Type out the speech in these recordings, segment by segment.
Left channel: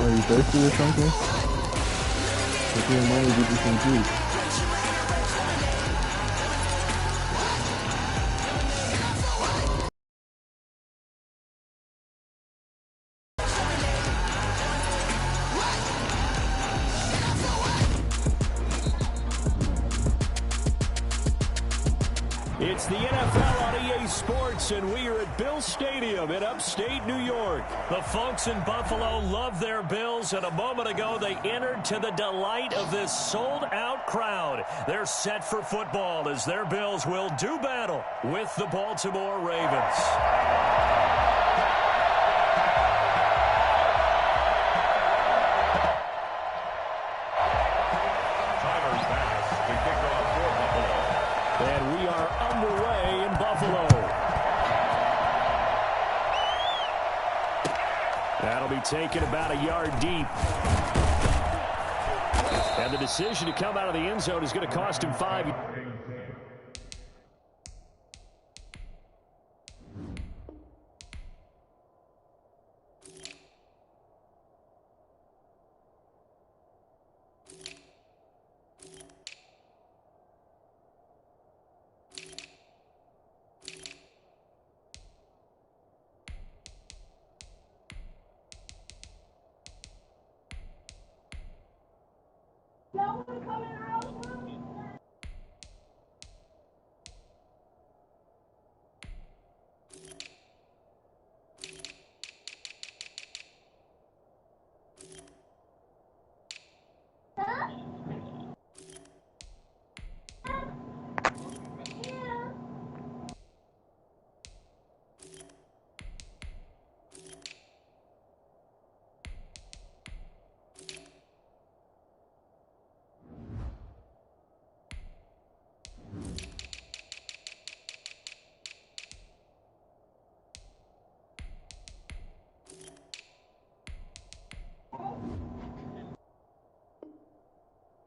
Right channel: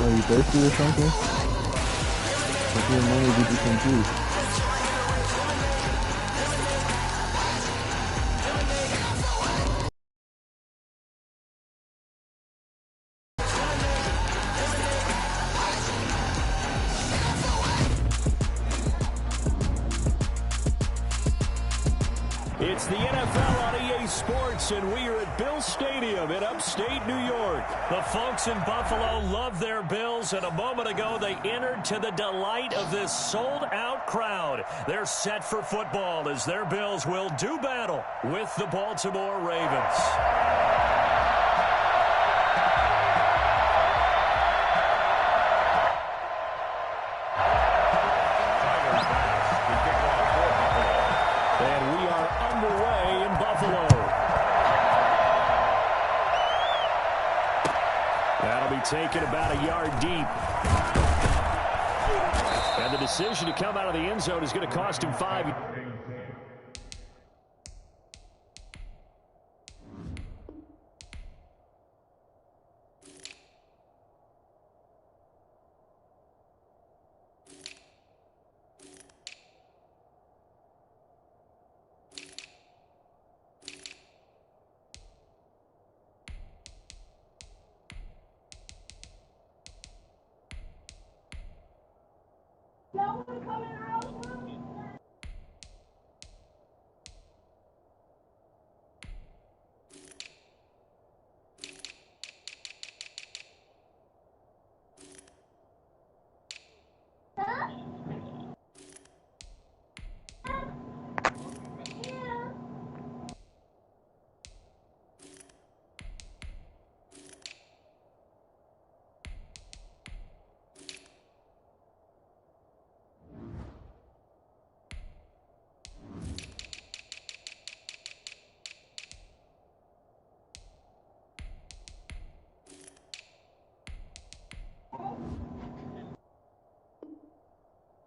Are you thirsty or something? Take your money, get you some juice. It's the NFL on EA Sports, and we are at Bill Stadium in upstate New York. The folks in Buffalo love their Bills, and a moment ago they entered to the delight of this sold-out crowd. They're set for football as their Bills will do battle with the Baltimore Ravens. And we are underway in Buffalo. That'll be taken about a yard deep. And the decision to come out of the end zone is going to cost him 5.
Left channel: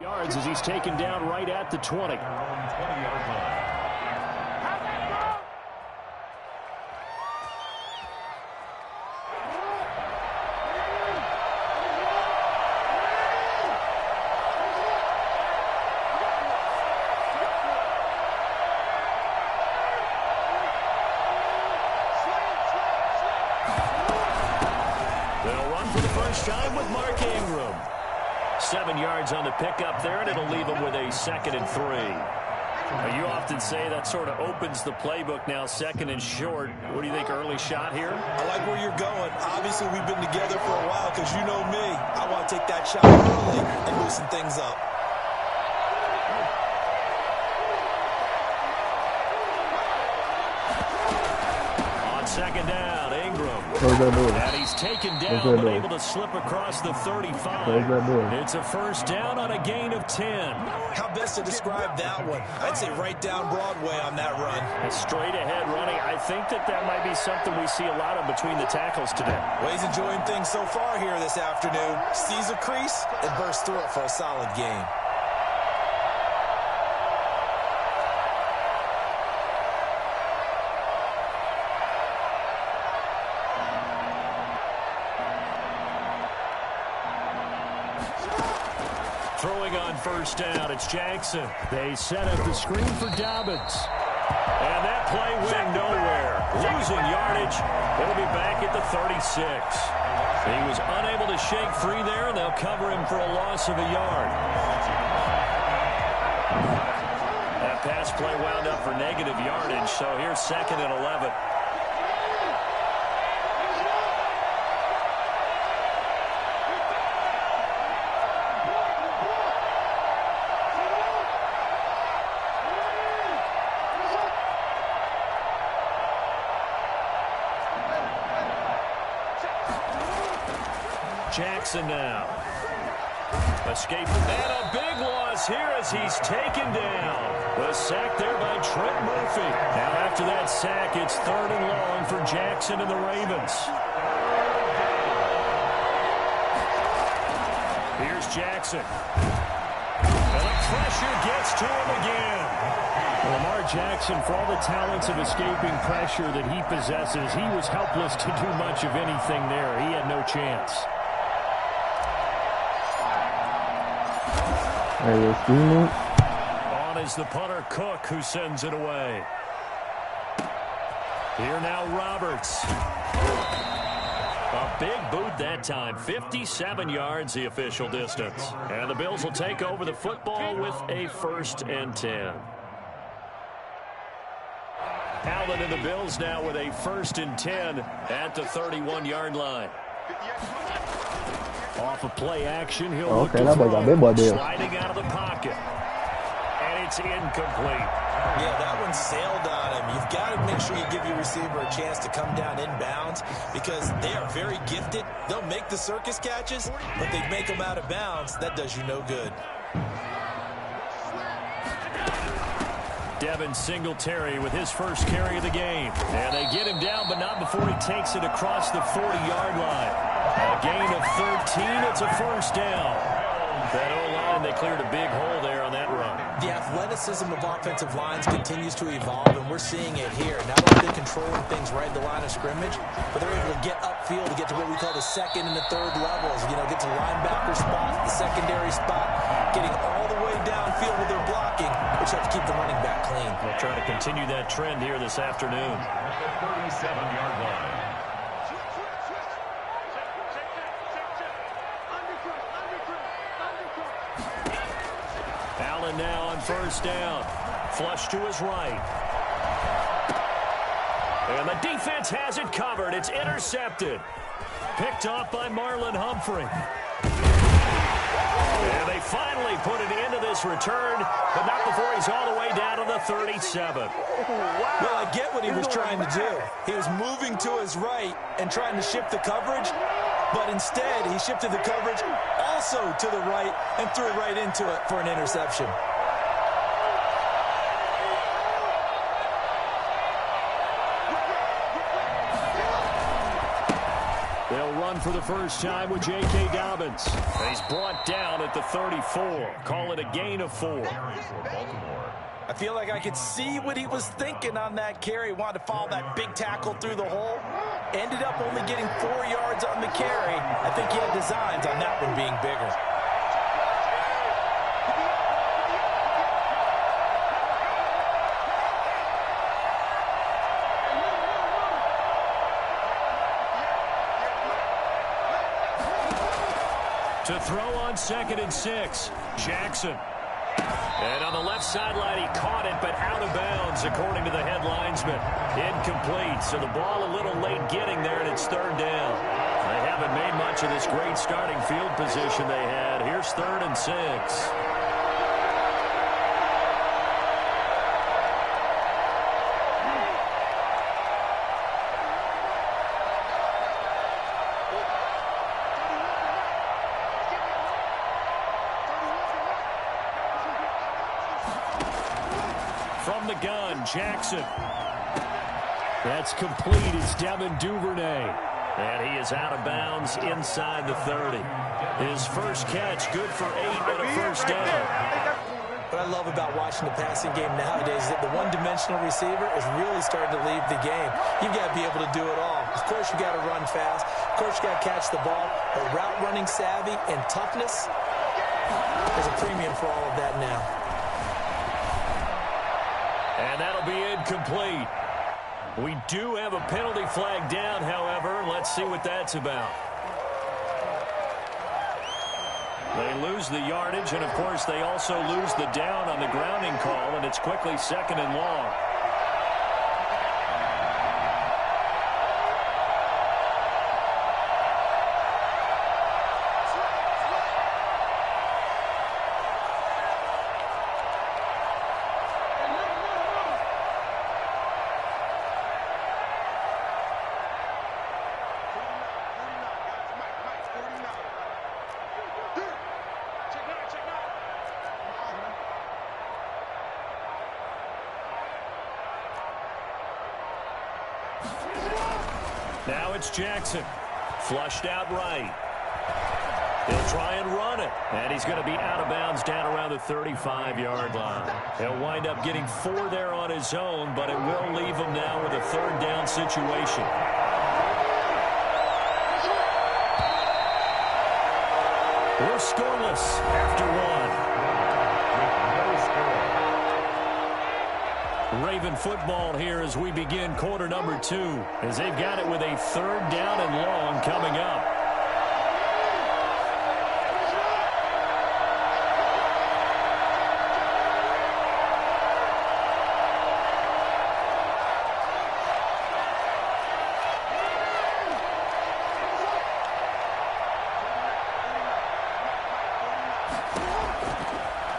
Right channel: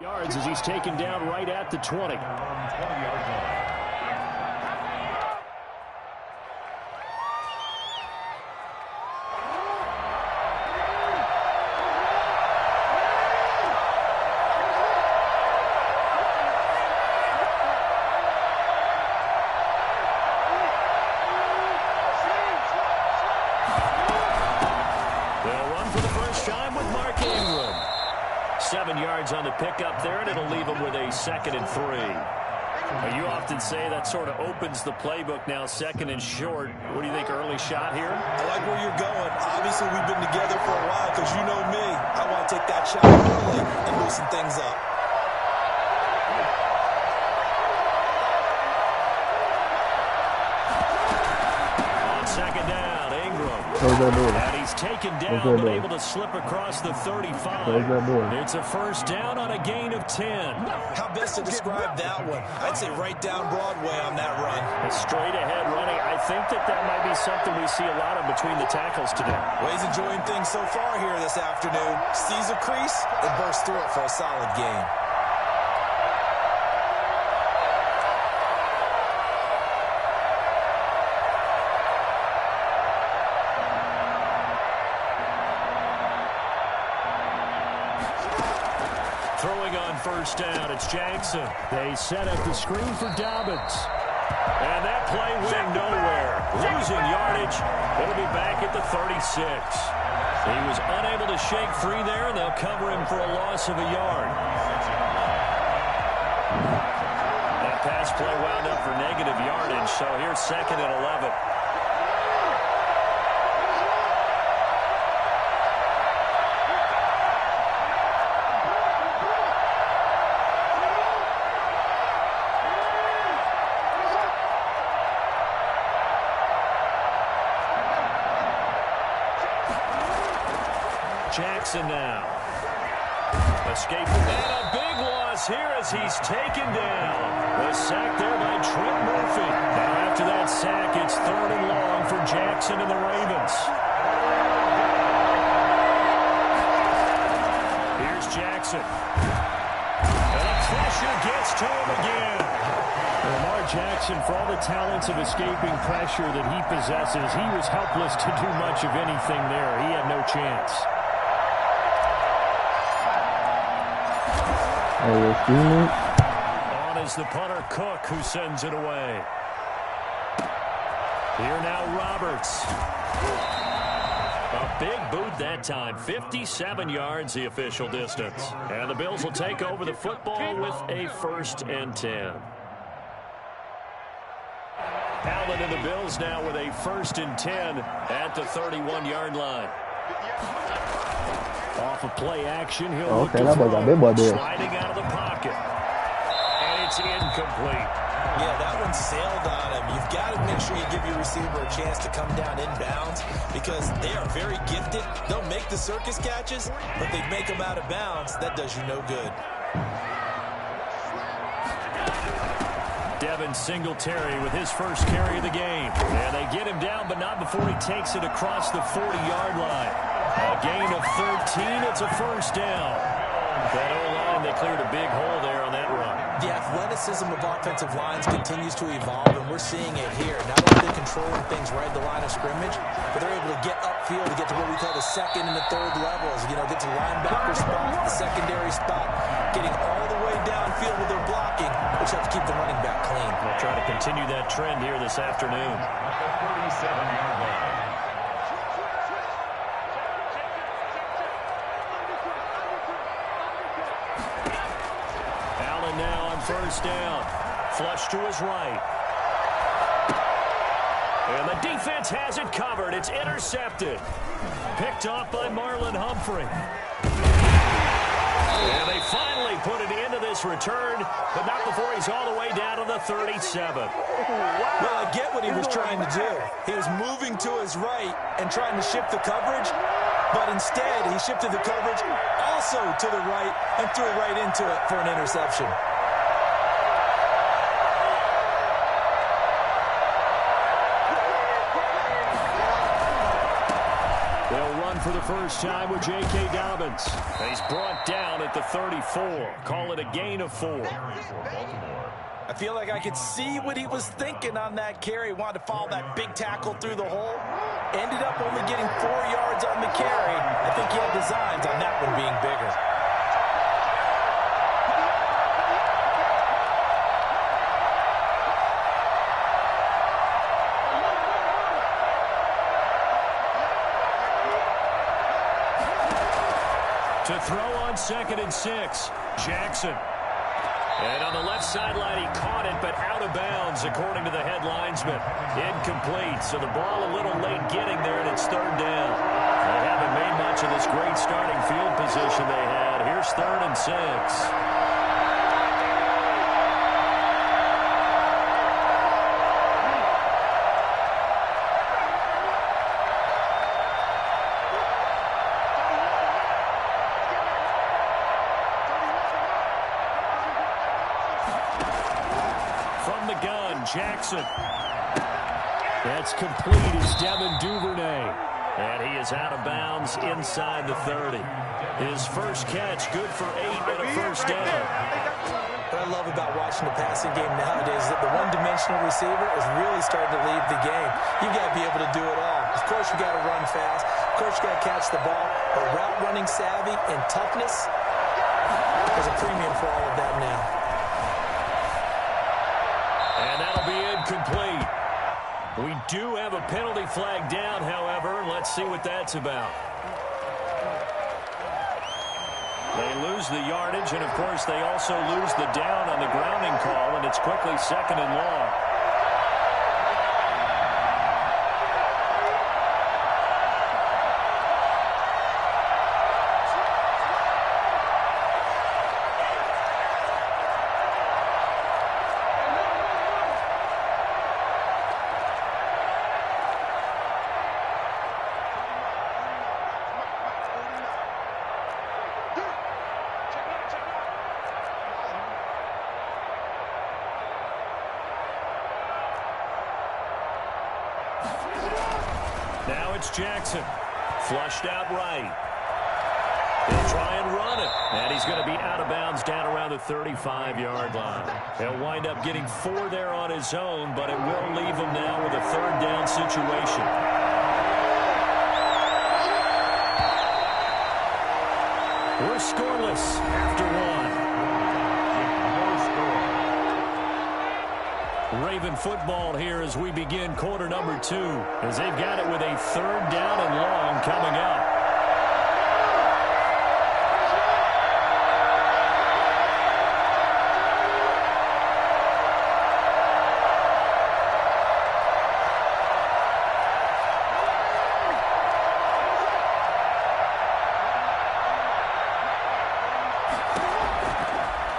Yards as he's taken down right at the 20. 20-yard line. They'll run for the first time with Mark Ingram. 7 yards on the pickup there, and it'll leave them with a 2nd and 3. You often say that sort of opens the playbook now, 2nd and short. What do you think, early shot here? I like where you're going. Obviously, we've been together for a while because you know me. I want to take that shot early and loosen things up. On 2nd down, Ingram. Close that door. And he's taken down, but able to slip across the 35. Close that door. It's a first down on a gain of 10. How best to describe that one? I'd say right down Broadway on that run. A straight ahead running. I think that might be something we see a lot of between the tackles today. Well, he's enjoying things so far here this afternoon. Sees a crease and bursts through it for a solid gain. Throwing on first down, it's Jackson. They set up the screen for Dobbins. And that play went nowhere. Losing yardage. It'll be back at the 36. He was unable to shake free there, and they'll cover him for a loss of a yard. That pass play wound up for negative yardage, so here's 2nd and 11. Jackson now. Escaping. And a big loss here as he's taken down. The sack there by Trent Murphy. Now after that sack, it's 3rd and long for Jackson and the Ravens. Here's Jackson. And the pressure gets to him again. Lamar Jackson, for all the talents of escaping pressure that he possesses, he was helpless to do much of anything there. He had no chance. Hey, Steamer. On is the punter, Cook, who sends it away. Here now, Roberts. A big boot that time. 57 yards, the official distance. And the Bills will take over the football with a 1st and 10. Allen and the Bills now with a 1st and 10 at the 31-yard line. Off of play action, he'll look to throw. Sliding out of the pocket. And it's incomplete. Yeah, that one sailed on him. You've got to make sure you give your receiver a chance to come down inbounds because they are very gifted. They'll make the circus catches, but they make them out of bounds. That does you no good. Devin Singletary with his first carry of the game. And they get him down, but not before he takes it across the 40-yard line. A gain of 13. It's a 1st down. That O-line, they cleared a big hole there on that run. The athleticism of offensive lines continues to evolve, and we're seeing it here. Not only are they controlling things right at the line of scrimmage, but they're able to get upfield to get to what we call the 2nd and the 3rd levels. You know, get to linebacker spot, the secondary spot, getting all the way downfield with their blocking, which helps keep the running back clean. They'll try to continue that trend here this afternoon. At the 37-yard line. Allen now on 1st down. Flush to his right. And the defense has it covered. It's intercepted. Picked off by Marlon Humphrey. And they finally put an end to this return, but not before he's all the way down to the 37. Well, I get what he was trying to do. He was moving to his right and trying to shift the coverage, but instead he shifted the coverage also to the right and threw right into it for an interception. They'll run for the first time with J.K. Dobbins. And he's brought down at the 34. Call it a gain of 4. I feel like I could see what he was thinking on that carry. Wanted to follow that big tackle through the hole. Ended up only getting 4 yards on the carry. I think he had designs on that one being bigger. To throw on 2nd and 6, Jackson. And on the left sideline, he caught it, but out of bounds, according to the head linesman. Incomplete, so the ball a little late getting there, and it's 3rd down. They haven't made much of this great starting field position they had. Here's 3rd and 6. From the gun, Jackson. That's complete as Devin Duvernay. And he is out of bounds inside the 30. His first catch, good for 8 and a 1st down. What I love about watching the passing game nowadays is that the one-dimensional receiver is really starting to leave the game. You've got to be able to do it all. Of course, you've got to run fast. Of course, you've got to catch the ball. But route running savvy and toughness, there's a premium for all of that now. And that'll be incomplete. We do have a penalty flag down, however. Let's see what that's about. They lose the yardage, and, of course, they also lose the down on the grounding call, and it's quickly 2nd and long. Now it's Jackson. Flushed out right. He'll try and run it. And he's going to be out of bounds down around the 35-yard line. He'll wind up getting 4 there on his own, but it will leave him now with a 3rd down situation. We're scoreless after one. With no score. Raven football here as we begin quarter number 2, as they've got it with a 3rd down and long coming up.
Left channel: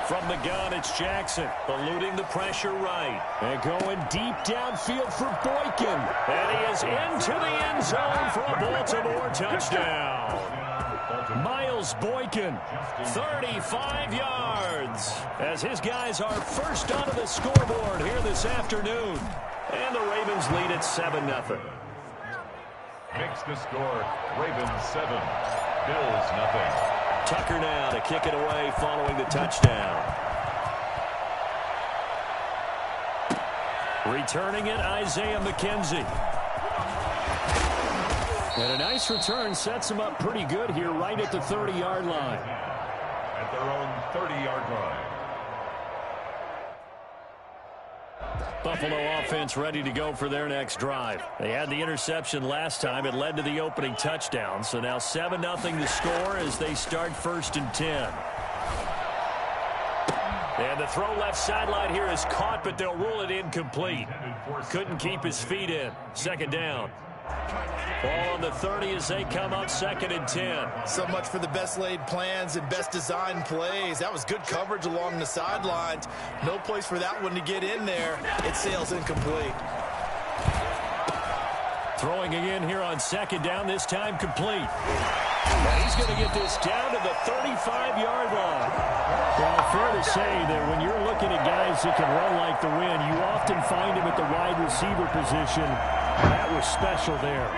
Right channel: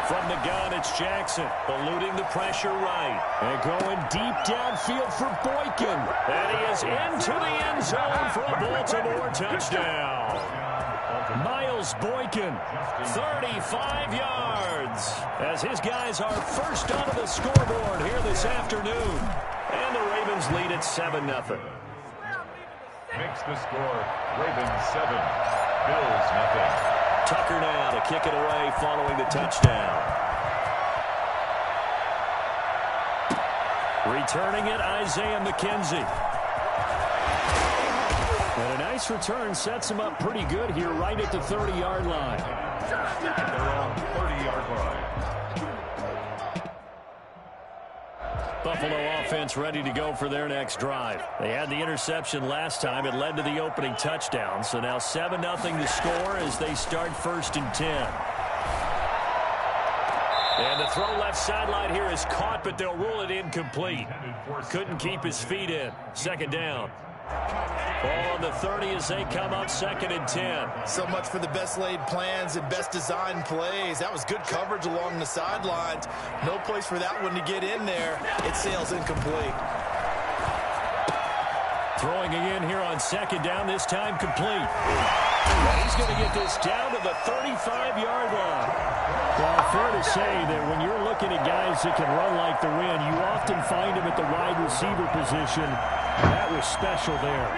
From the gun, it's Jackson, eluding the pressure right. And going deep downfield for Boykin. And he is into the end zone for a Baltimore touchdown. Miles Boykin, 35 yards. As his guys are first onto the scoreboard here this afternoon. And the Ravens lead at 7-0. Makes the score Ravens 7, Bills 0. Tucker now to kick it away following the touchdown. Returning it, Isaiah McKenzie. And a nice return sets him up pretty good here right at the 30-yard line. At their own 30-yard line. Buffalo offense ready to go for their next drive. They had the interception last time. It led to the opening touchdown. So now 7-0 to score as they start 1st and 10. And the throw left sideline here is caught, but they'll rule it incomplete. Couldn't keep his feet in. 2nd down. Ball on the 30 as they come up 2nd and 10. So much for the best laid plans and best designed plays. That was good coverage along the sidelines. No place for that one to get in there. It sails incomplete. Throwing again here on 2nd down, this time complete. And he's going to get this down to the 35-yard line. Well, fair to say that when you're looking at guys that can run like the wind, you often find them at the wide receiver position. That was special there.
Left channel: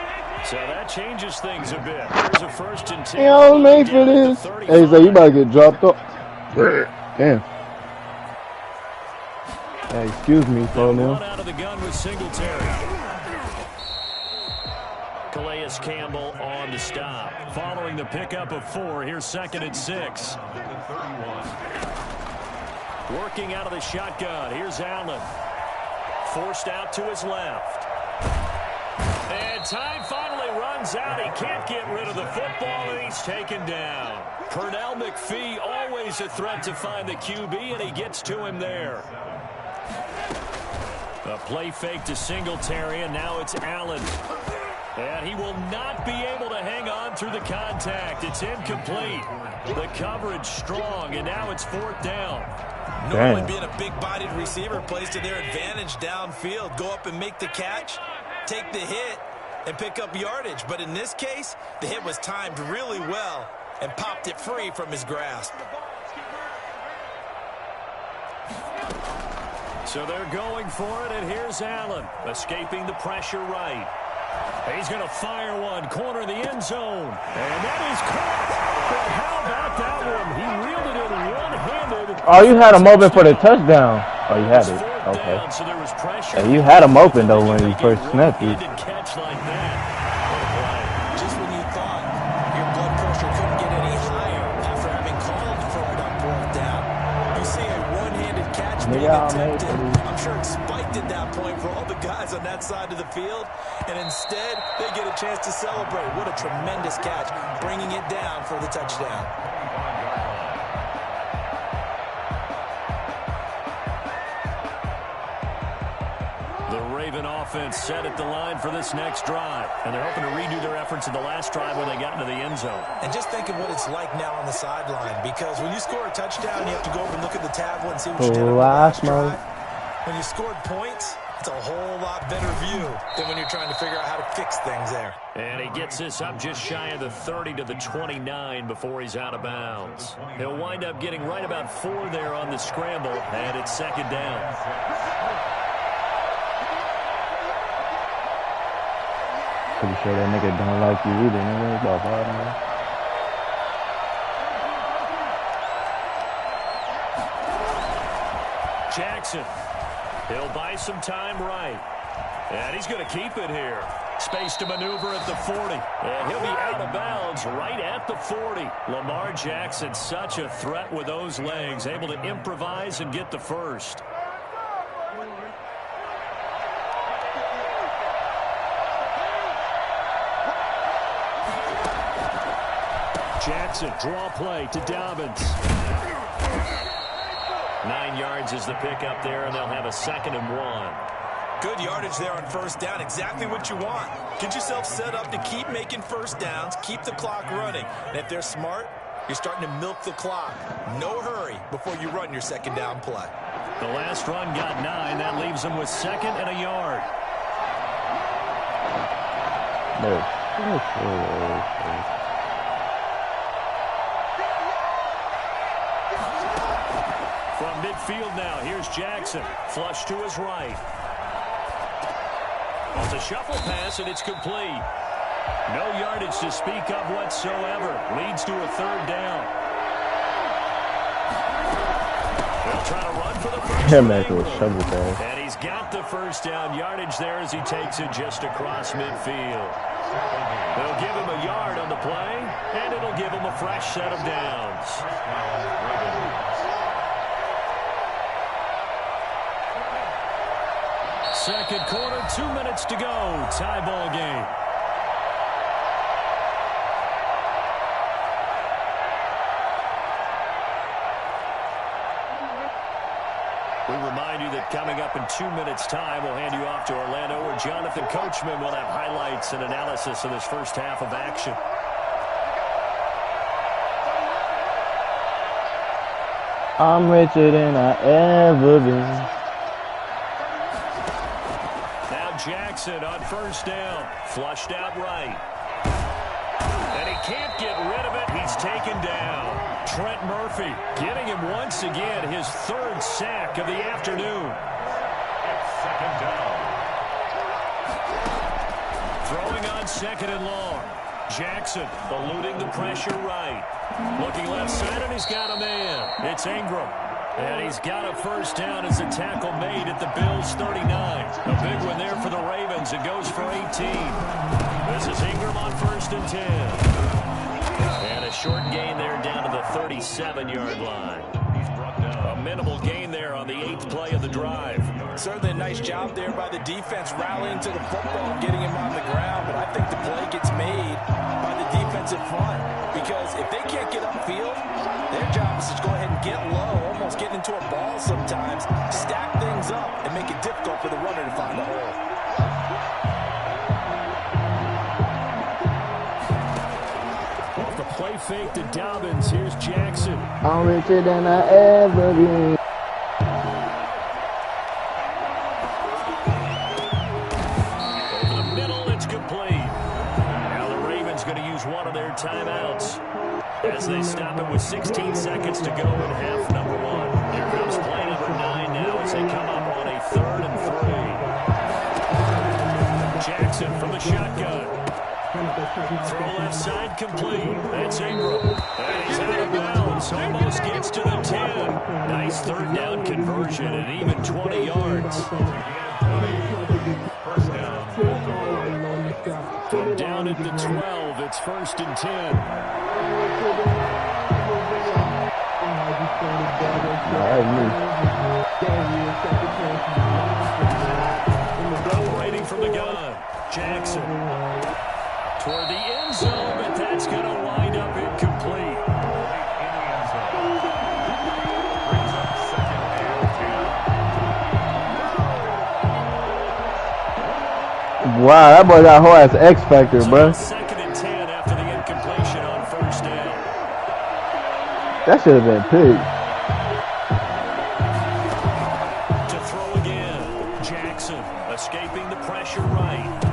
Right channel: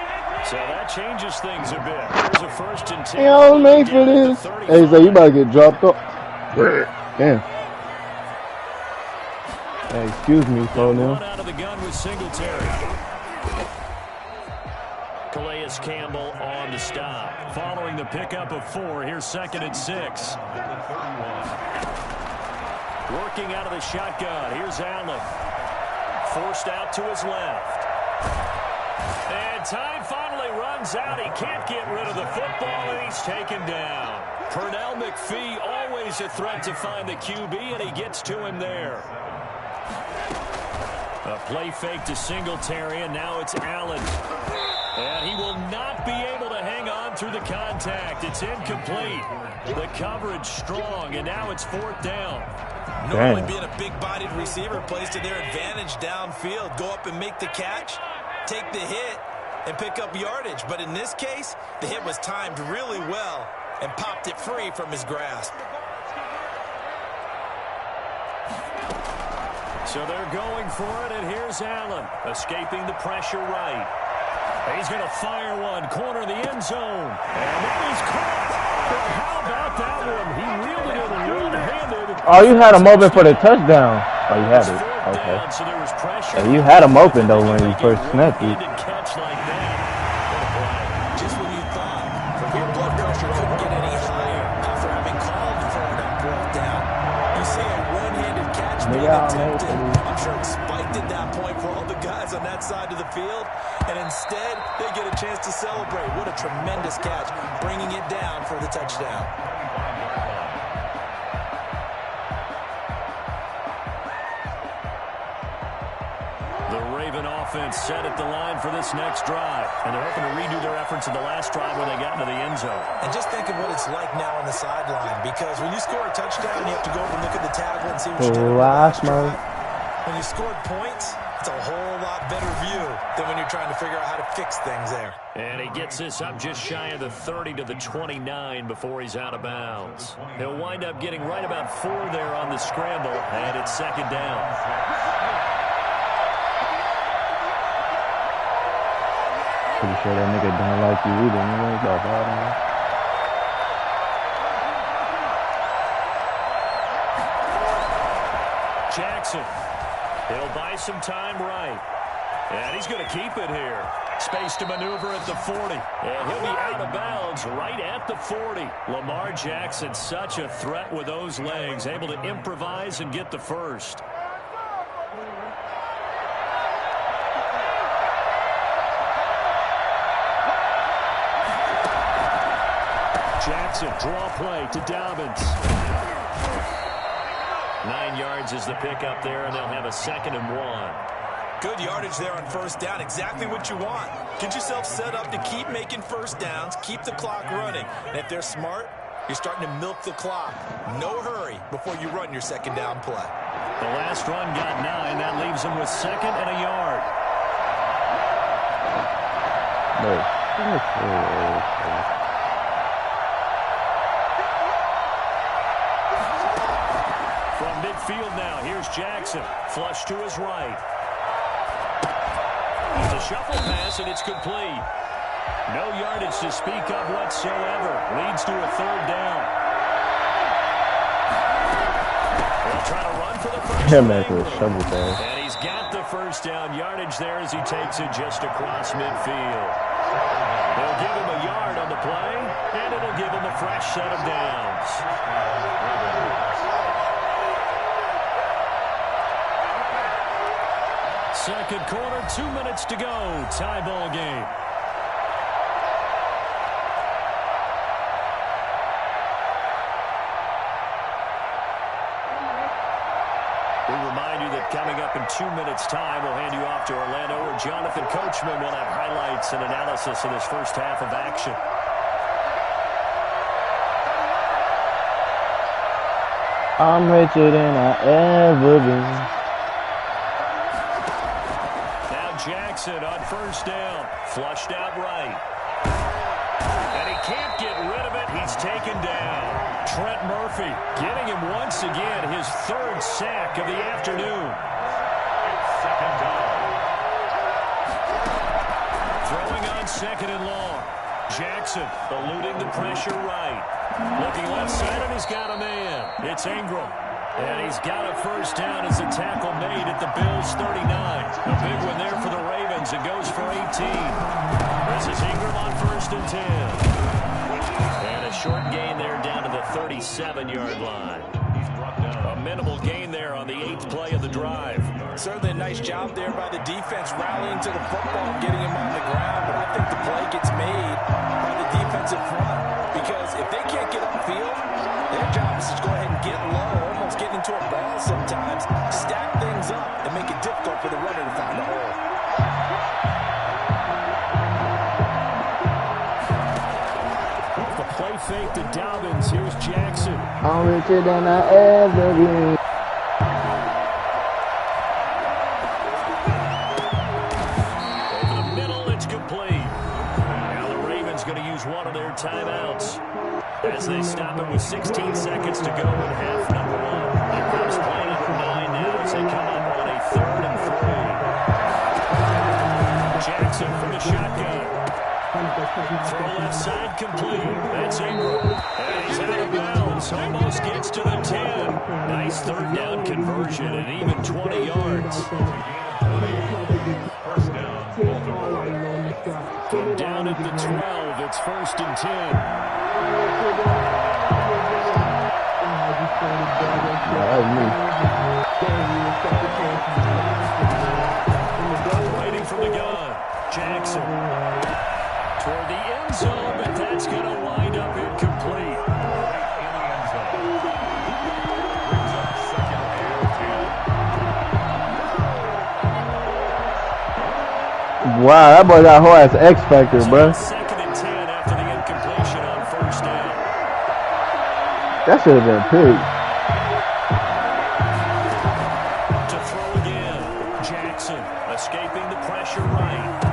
So that changes things a bit. Here's a 1st and 10. Hey, I was made for this. Hey, so you about to get dropped off. Damn. Hey, excuse me, slow now. Out of the gun with Singletary. Calais Campbell on the stop. Following the pickup of 4, here's 2nd and 6. Working out of the shotgun. Here's Allen. Forced out to his left. And time finally runs out. He can't get rid of the football, and he's taken down. Pernell McPhee, always a threat to find the QB, and he gets to him there. A play fake to Singletary, and now it's Allen. And he will not be able to hang on through the contact. It's incomplete. The coverage strong, and now it's 4th down. Normally being a big-bodied receiver plays to their advantage downfield. Go up and make the catch, take the hit, and pick up yardage. But in this case, the hit was timed really well and popped it free from his grasp. So they're going for it, and here's Allen, escaping the pressure right. He's going to fire one, corner the end zone, and that is caught. But how about that one? He reeled it in one-handed. Oh, you had him open for the touchdown. Oh, you had it. Okay. Down, so there was pressure. Hey, you had him open, though, when you first snapped it. Catch like that. What a play. Just when you thought your blood pressure couldn't get any higher after having called for it on 4th down, you see a one-handed catch being attempted. I'm sure it spiked at that point for all the guys on that side of the field, and instead they get a chance to celebrate. What a tremendous catch, bringing it down for the touchdown. The Raven offense set at the line for this next drive, and they're hoping to redo their efforts in the last drive when they got into the end zone. And just think of what it's like now on the sideline, because when you score a touchdown, you have to go over and look at the tablet and see what you did on the last drive. When you scored points, it's a whole lot better view than when you're trying to figure out how to fix things there. And he gets this up just shy of the 30 to the 29 before he's out of bounds. He'll wind up getting right about 4 there on the scramble, and it's 2nd down. Pretty sure that nigga don't like you either, nigga. It's all bad, nigga. Jackson. He'll buy some time right. And he's going to keep it here. Space to maneuver at the 40. And he'll be out of bounds right at the 40. Lamar Jackson, such a threat with those legs, able to improvise and get the first. Jackson, draw play to Dobbins. 9 yards is the pickup there, and they'll have a 2nd and 1. Good yardage there on first down. Exactly what you want. Get yourself set up to keep making first downs, keep the clock running. And if they're smart, you're starting to milk the clock. No hurry before you run your 2nd down play. The last run got 9. That leaves them with 2nd and a yard. From midfield now, here's Jackson. Flush to his right. It's a shuffle pass, and it's complete. No yardage to speak of whatsoever. Leads to a 3rd down. They'll try to run for the first down. And he's got the first down yardage there as he takes it just across midfield. They'll give him a yard on the play, and it'll give him a fresh set of downs. Second quarter, 2 minutes to go. Tie ball game. We remind you that coming up in 2 minutes' time, we'll hand you off to Orlando, where Jonathan Coachman will have highlights and analysis of this first half of action. I'm richer than I ever been. Jackson on first down, flushed out right. And he can't get rid of it. He's taken down. Trent Murphy getting him once again, his 3rd sack of the afternoon. It's 2nd down. Throwing on 2nd and long. Jackson eluding the pressure right. Looking left side, and he's got a man. It's Ingram. And he's got a first down as a tackle made at the Bills' 39. A big one there for the Ravens. It goes for 18. This is Ingram on 1st and 10. And a short gain there down to the 37-yard line. He's brought down. A minimal gain there on the 8th play of the drive. Certainly a nice job there by the defense rallying to the football and getting him on the ground. But I think the play gets made by the defensive front. Because if they can't get upfield, their job is to go ahead and get low, almost get into a ball sometimes, stack things up, and make it difficult for the runner to find a hole. Off the play fake to Dobbins, here's Jackson. I'm richer than I ever been. Over the middle, it's complete. Now the Ravens going to use one of their timeouts as they stop it with 16 seconds to go in half number 1. Here comes play number 9 now as they come up on a 3rd and 3. Jackson from the shotgun. Throw left side complete. That's Ingram. And he's out of bounds. Almost gets to the 10. Nice 3rd down conversion and even 20 yards. First down, Baltimore. From down at the 12, it's 1st and 10. Operating from the gun, Jackson toward the end zone, but that's going to wind up incomplete. Right in the end zone. Brings up 2nd and 10. Wow, that boy got whole ass X Factor, bro. 2nd and 10 after the incompletion on first down. That should have been picked. To throw again, Jackson escaping the pressure right.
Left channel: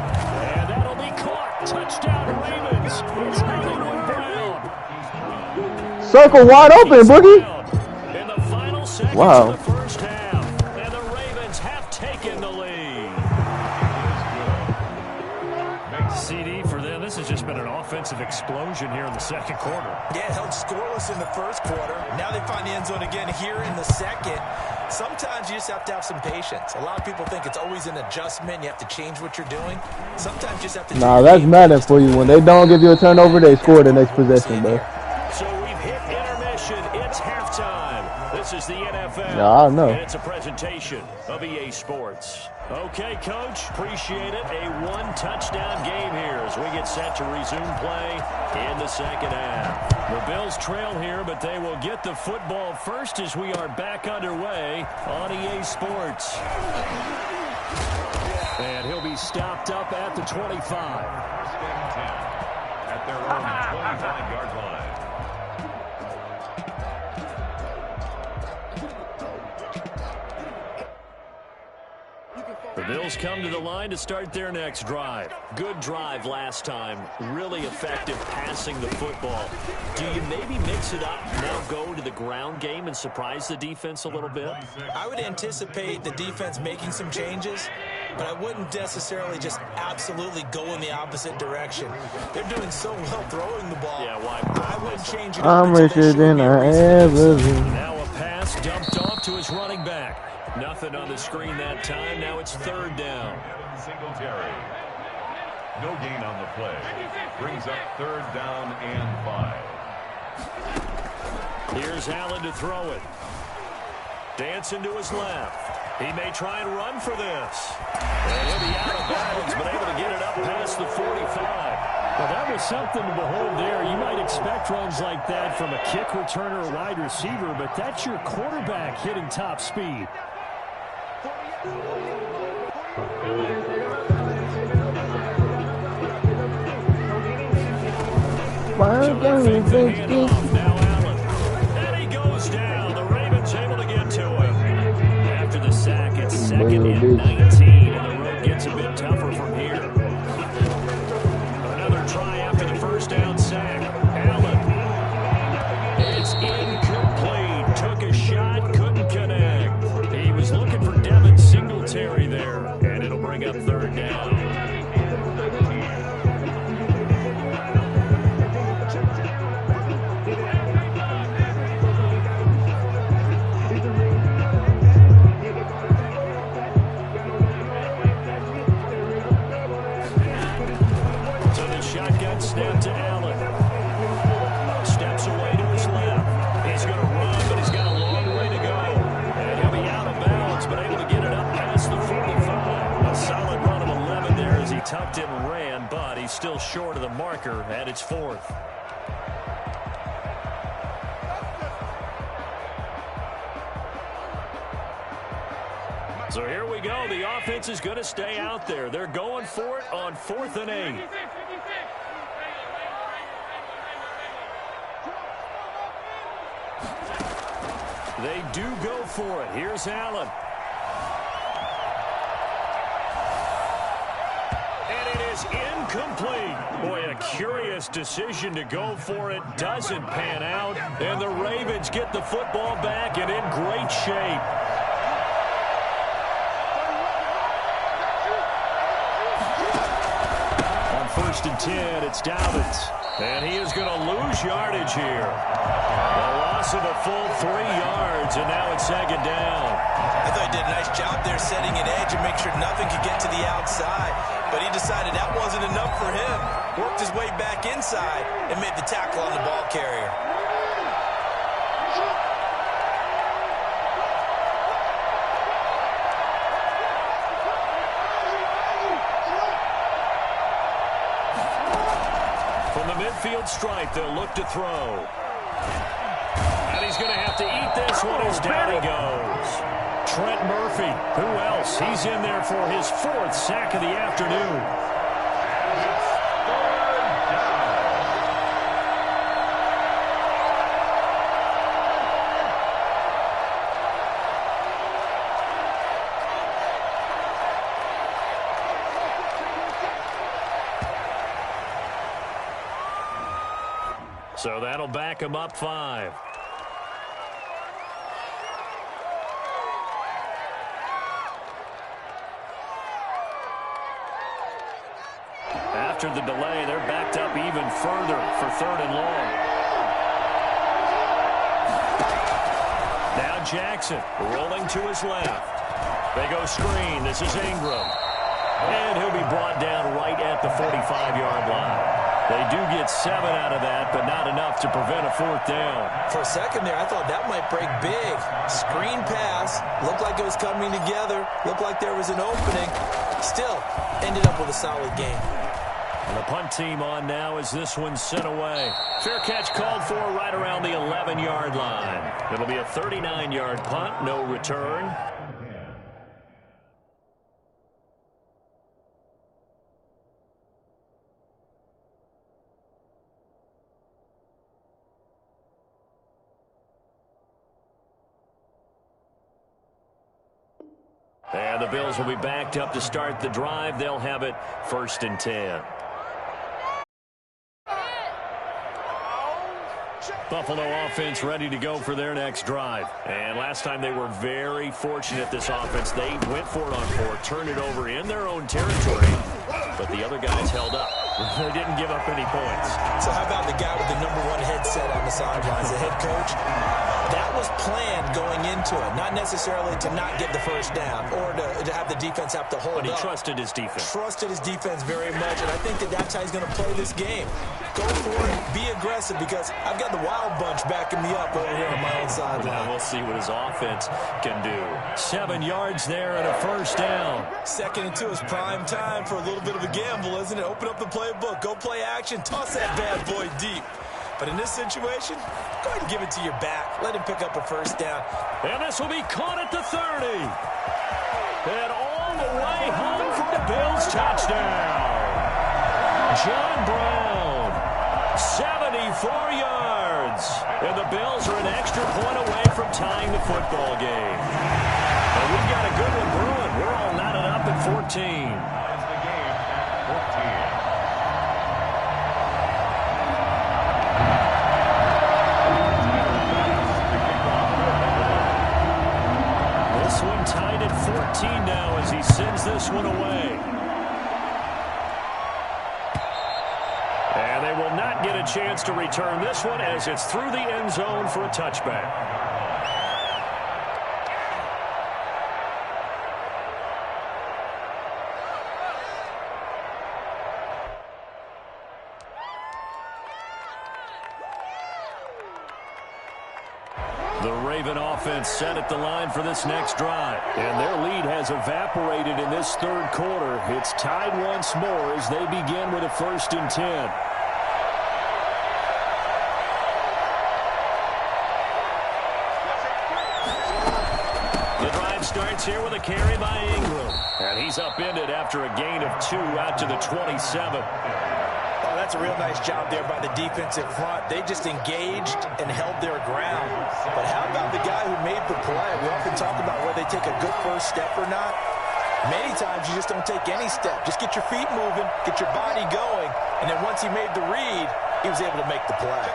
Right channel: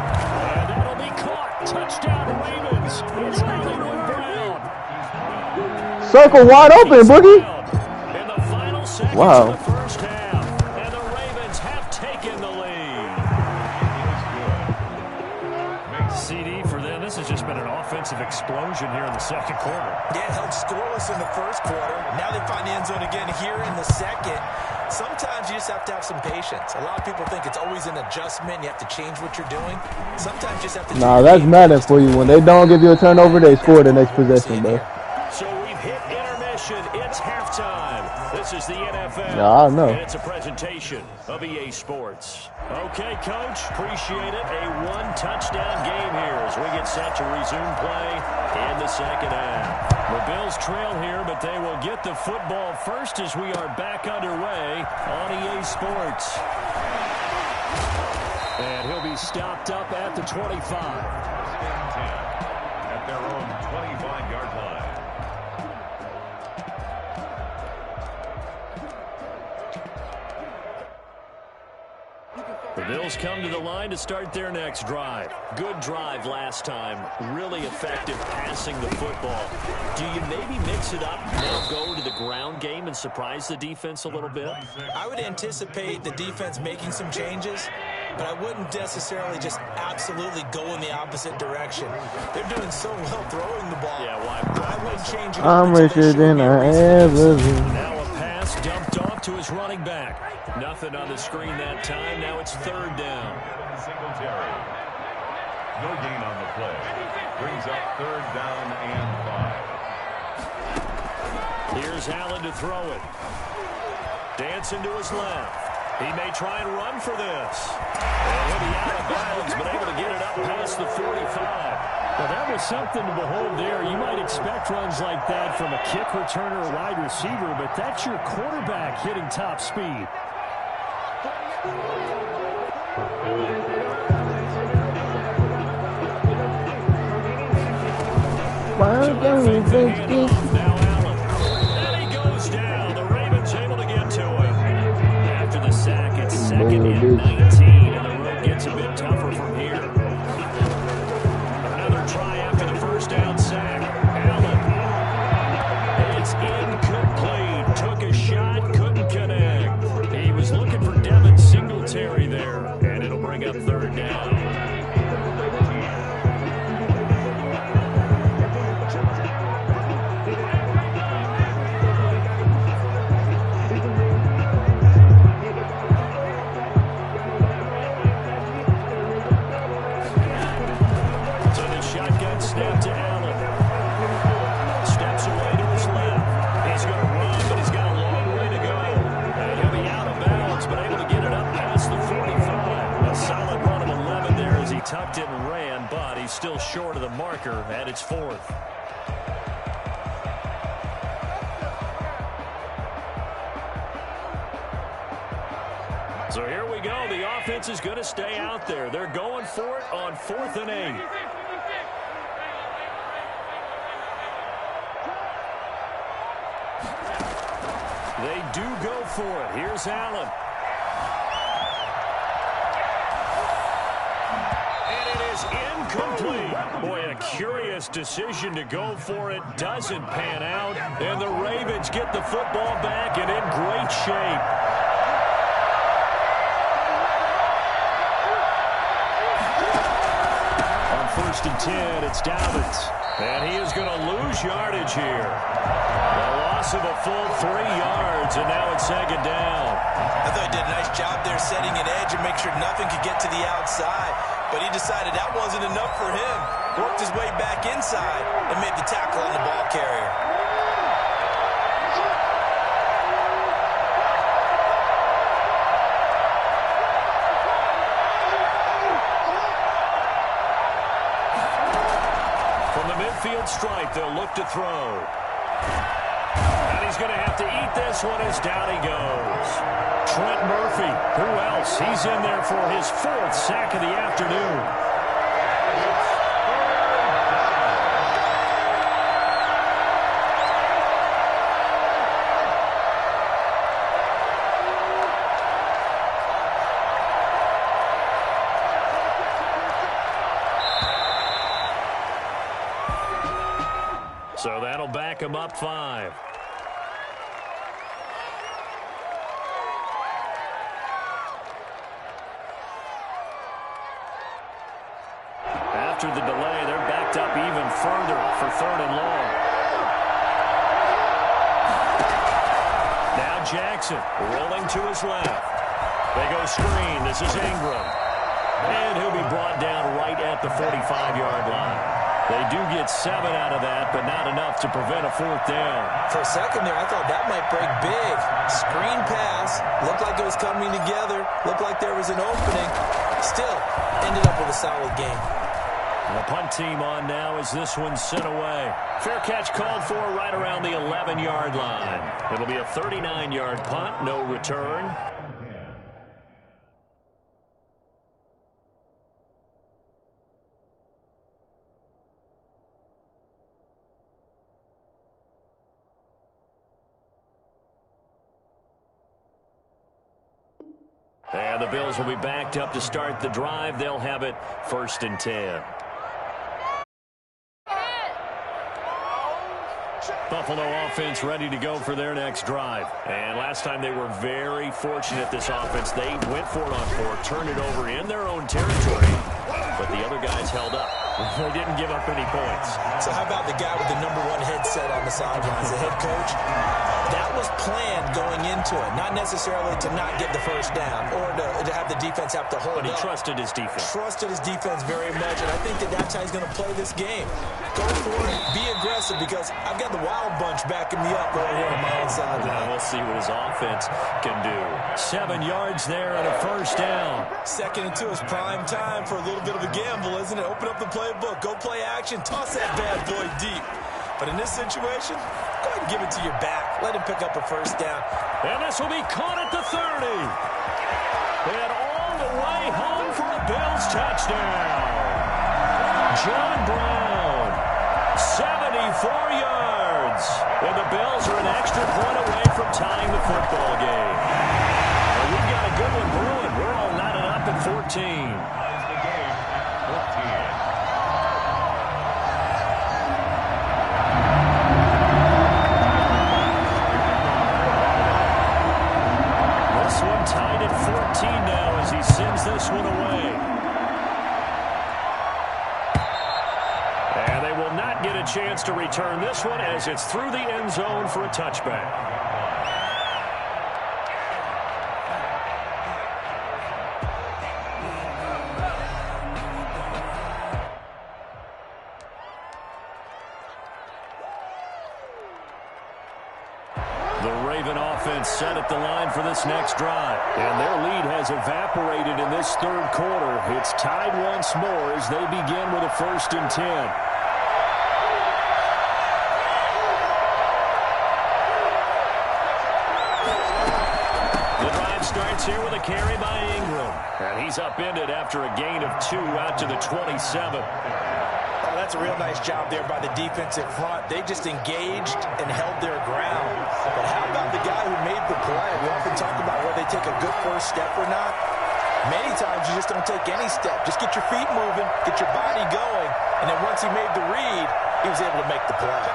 And that'll be caught. Touchdown Ravens. It's not going to ground. Circle wide open, Boogie. In the final seconds Wow. of the first half. And the Ravens have taken the lead. It is good. CD for them. This has just been an offensive offensive explosion here in the second quarter. Yeah, held scoreless in the first quarter. Now they find the end zone again here in the second. Sometimes you just have to have some patience. A lot of people think it's always an adjustment. You have to change what you're doing. Sometimes you just have to. Nah, that's Madden for you. When they don't give you a turnover, they score the next possession, bro. So we've hit intermission. It's halftime. This is the NFL. Yeah, I know. And it's a presentation of EA Sports. Okay, Coach, appreciate it. A one-touchdown game here as we get set to resume play in the second half. The Bills trail here, but they will get the football first as we are back underway on EA Sports. And he'll be stopped up at the 25. First and 10 at their own 25-yard line. The Bills come to the line to start their next drive. Good drive last time. Really effective passing the football. Do you maybe mix it up, now go to the ground game and surprise the defense a little bit? I would anticipate the defense making some changes, but I wouldn't necessarily just absolutely go in the opposite direction. They're doing so well throwing the ball. Yeah, why? I wouldn't change it. I'm richer than I ever been. Now a pass dumped off to his running back. Nothing on the screen that time. Now it's third down. Singletary. No gain on the play. Brings up third down and 5. Here's Allen to throw it. Dancing to his left. He may try and run for this. And he'll be out of bounds, but able to get it up past the 45. Well, that was something to behold there. You might expect runs like that from a kick returner or wide receiver, but that's your quarterback hitting top speed. Now Allen. And he goes down. The Ravens able to get to him. After the sack, it's second and 19, and the road gets a bit tougher from here. Another try after the first down sack. Allen. It's incomplete. Took a shot, couldn't connect. He was looking for Devin Singletary there, and it'll bring up third down. So the shotgun snap to Allen. Steps away to his left. He's going to run, but he's got a long way to go. And he'll be out of bounds, but able to get it up past the 45. A solid run of 11 there as he tucked it and ran, but he's still short of the marker at its fourth. So here we go. The offense is going to stay out there. They're going for it on 4th and 8. They do go for it. Here's Allen. And it is incomplete. Boy, a curious decision to go for it. Doesn't pan out. And the Ravens get the football back and in great shape. On 1st and 10, it's Dobbins. And he is going to lose yardage here. The loss of a full 3 yards, and now it's second down. I thought he did a nice job there setting an edge and make sure nothing could get to the outside. But he decided that wasn't enough for him. Worked his way back inside and made the tackle on the ball carrier. From the midfield stripe, they'll look to throw. And he's going to have to eat this one as down he goes. Trent Murphy, who else? He's in there for his 4th sack of the afternoon. So that'll back him up 5. after the delay. They're backed up even further for 3rd and long. Now Jackson rolling to his left. They go screen. This is Ingram. And he'll be brought down right at the 45-yard line. They do get 7 out of that, but not enough to prevent a 4th down. For a second there, I thought that might break big. Screen pass. Looked like it was coming together. Looked like there was an opening. Still, ended up with a solid game. And the punt team on now as this one's sent away. Fair catch called for right around the 11-yard line. It'll be a 39-yard punt, no return. And the Bills will be backed up to start the drive. They'll have it 1st and 10. Buffalo offense ready to go for their next drive. And last time they were very fortunate, this offense. They went for it on 4, turned it over in their own territory, but the other guys held up. They didn't give up any points. So how about the guy with the #1 headset on the sidelines, the head coach? That was planned going into it, not necessarily to not get the 1st down or to have the defense have to hold up. But he trusted his defense. Trusted his defense very much, and I think that's how he's going to play this game. Go for it, be aggressive, because I've got the Wild Bunch backing me up over here on my own sideline. We'll see what his offense can do. 7 yards there and a 1st down. 2nd and 2 is prime time for a little bit of a gamble, isn't it? Open up the playbook, go play action, toss that bad boy deep. But in this situation, go ahead and give it to your back. Let him pick up a 1st down. And this will be caught at the 30. And all the way home for a Bills touchdown. John Brown, 74 yards. And the Bills are an extra point away from tying the football game. And we've got a good one brewing. We're all knotted up at 14. Ties the game at 14. This one tied at 14 now as he sends this one away. And they will not get a chance to return this one as it's through the end zone for a touchback. The Raven offense set at the line for this next drive. And their lead has evaporated in this 3rd quarter. It's tied once more as they begin with a 1st and 10. The drive starts here with a carry by Ingram. And he's upended after a gain of 2 out to the 27. Oh, that's a real nice job there by the defensive front. They just engaged and held their ground. But how about the guy who made the play? We often talk about whether they take a good 1st step or not. Many times you just don't take any step. Just get your feet moving, get your body going, and then once he made the read, he was able to make the play.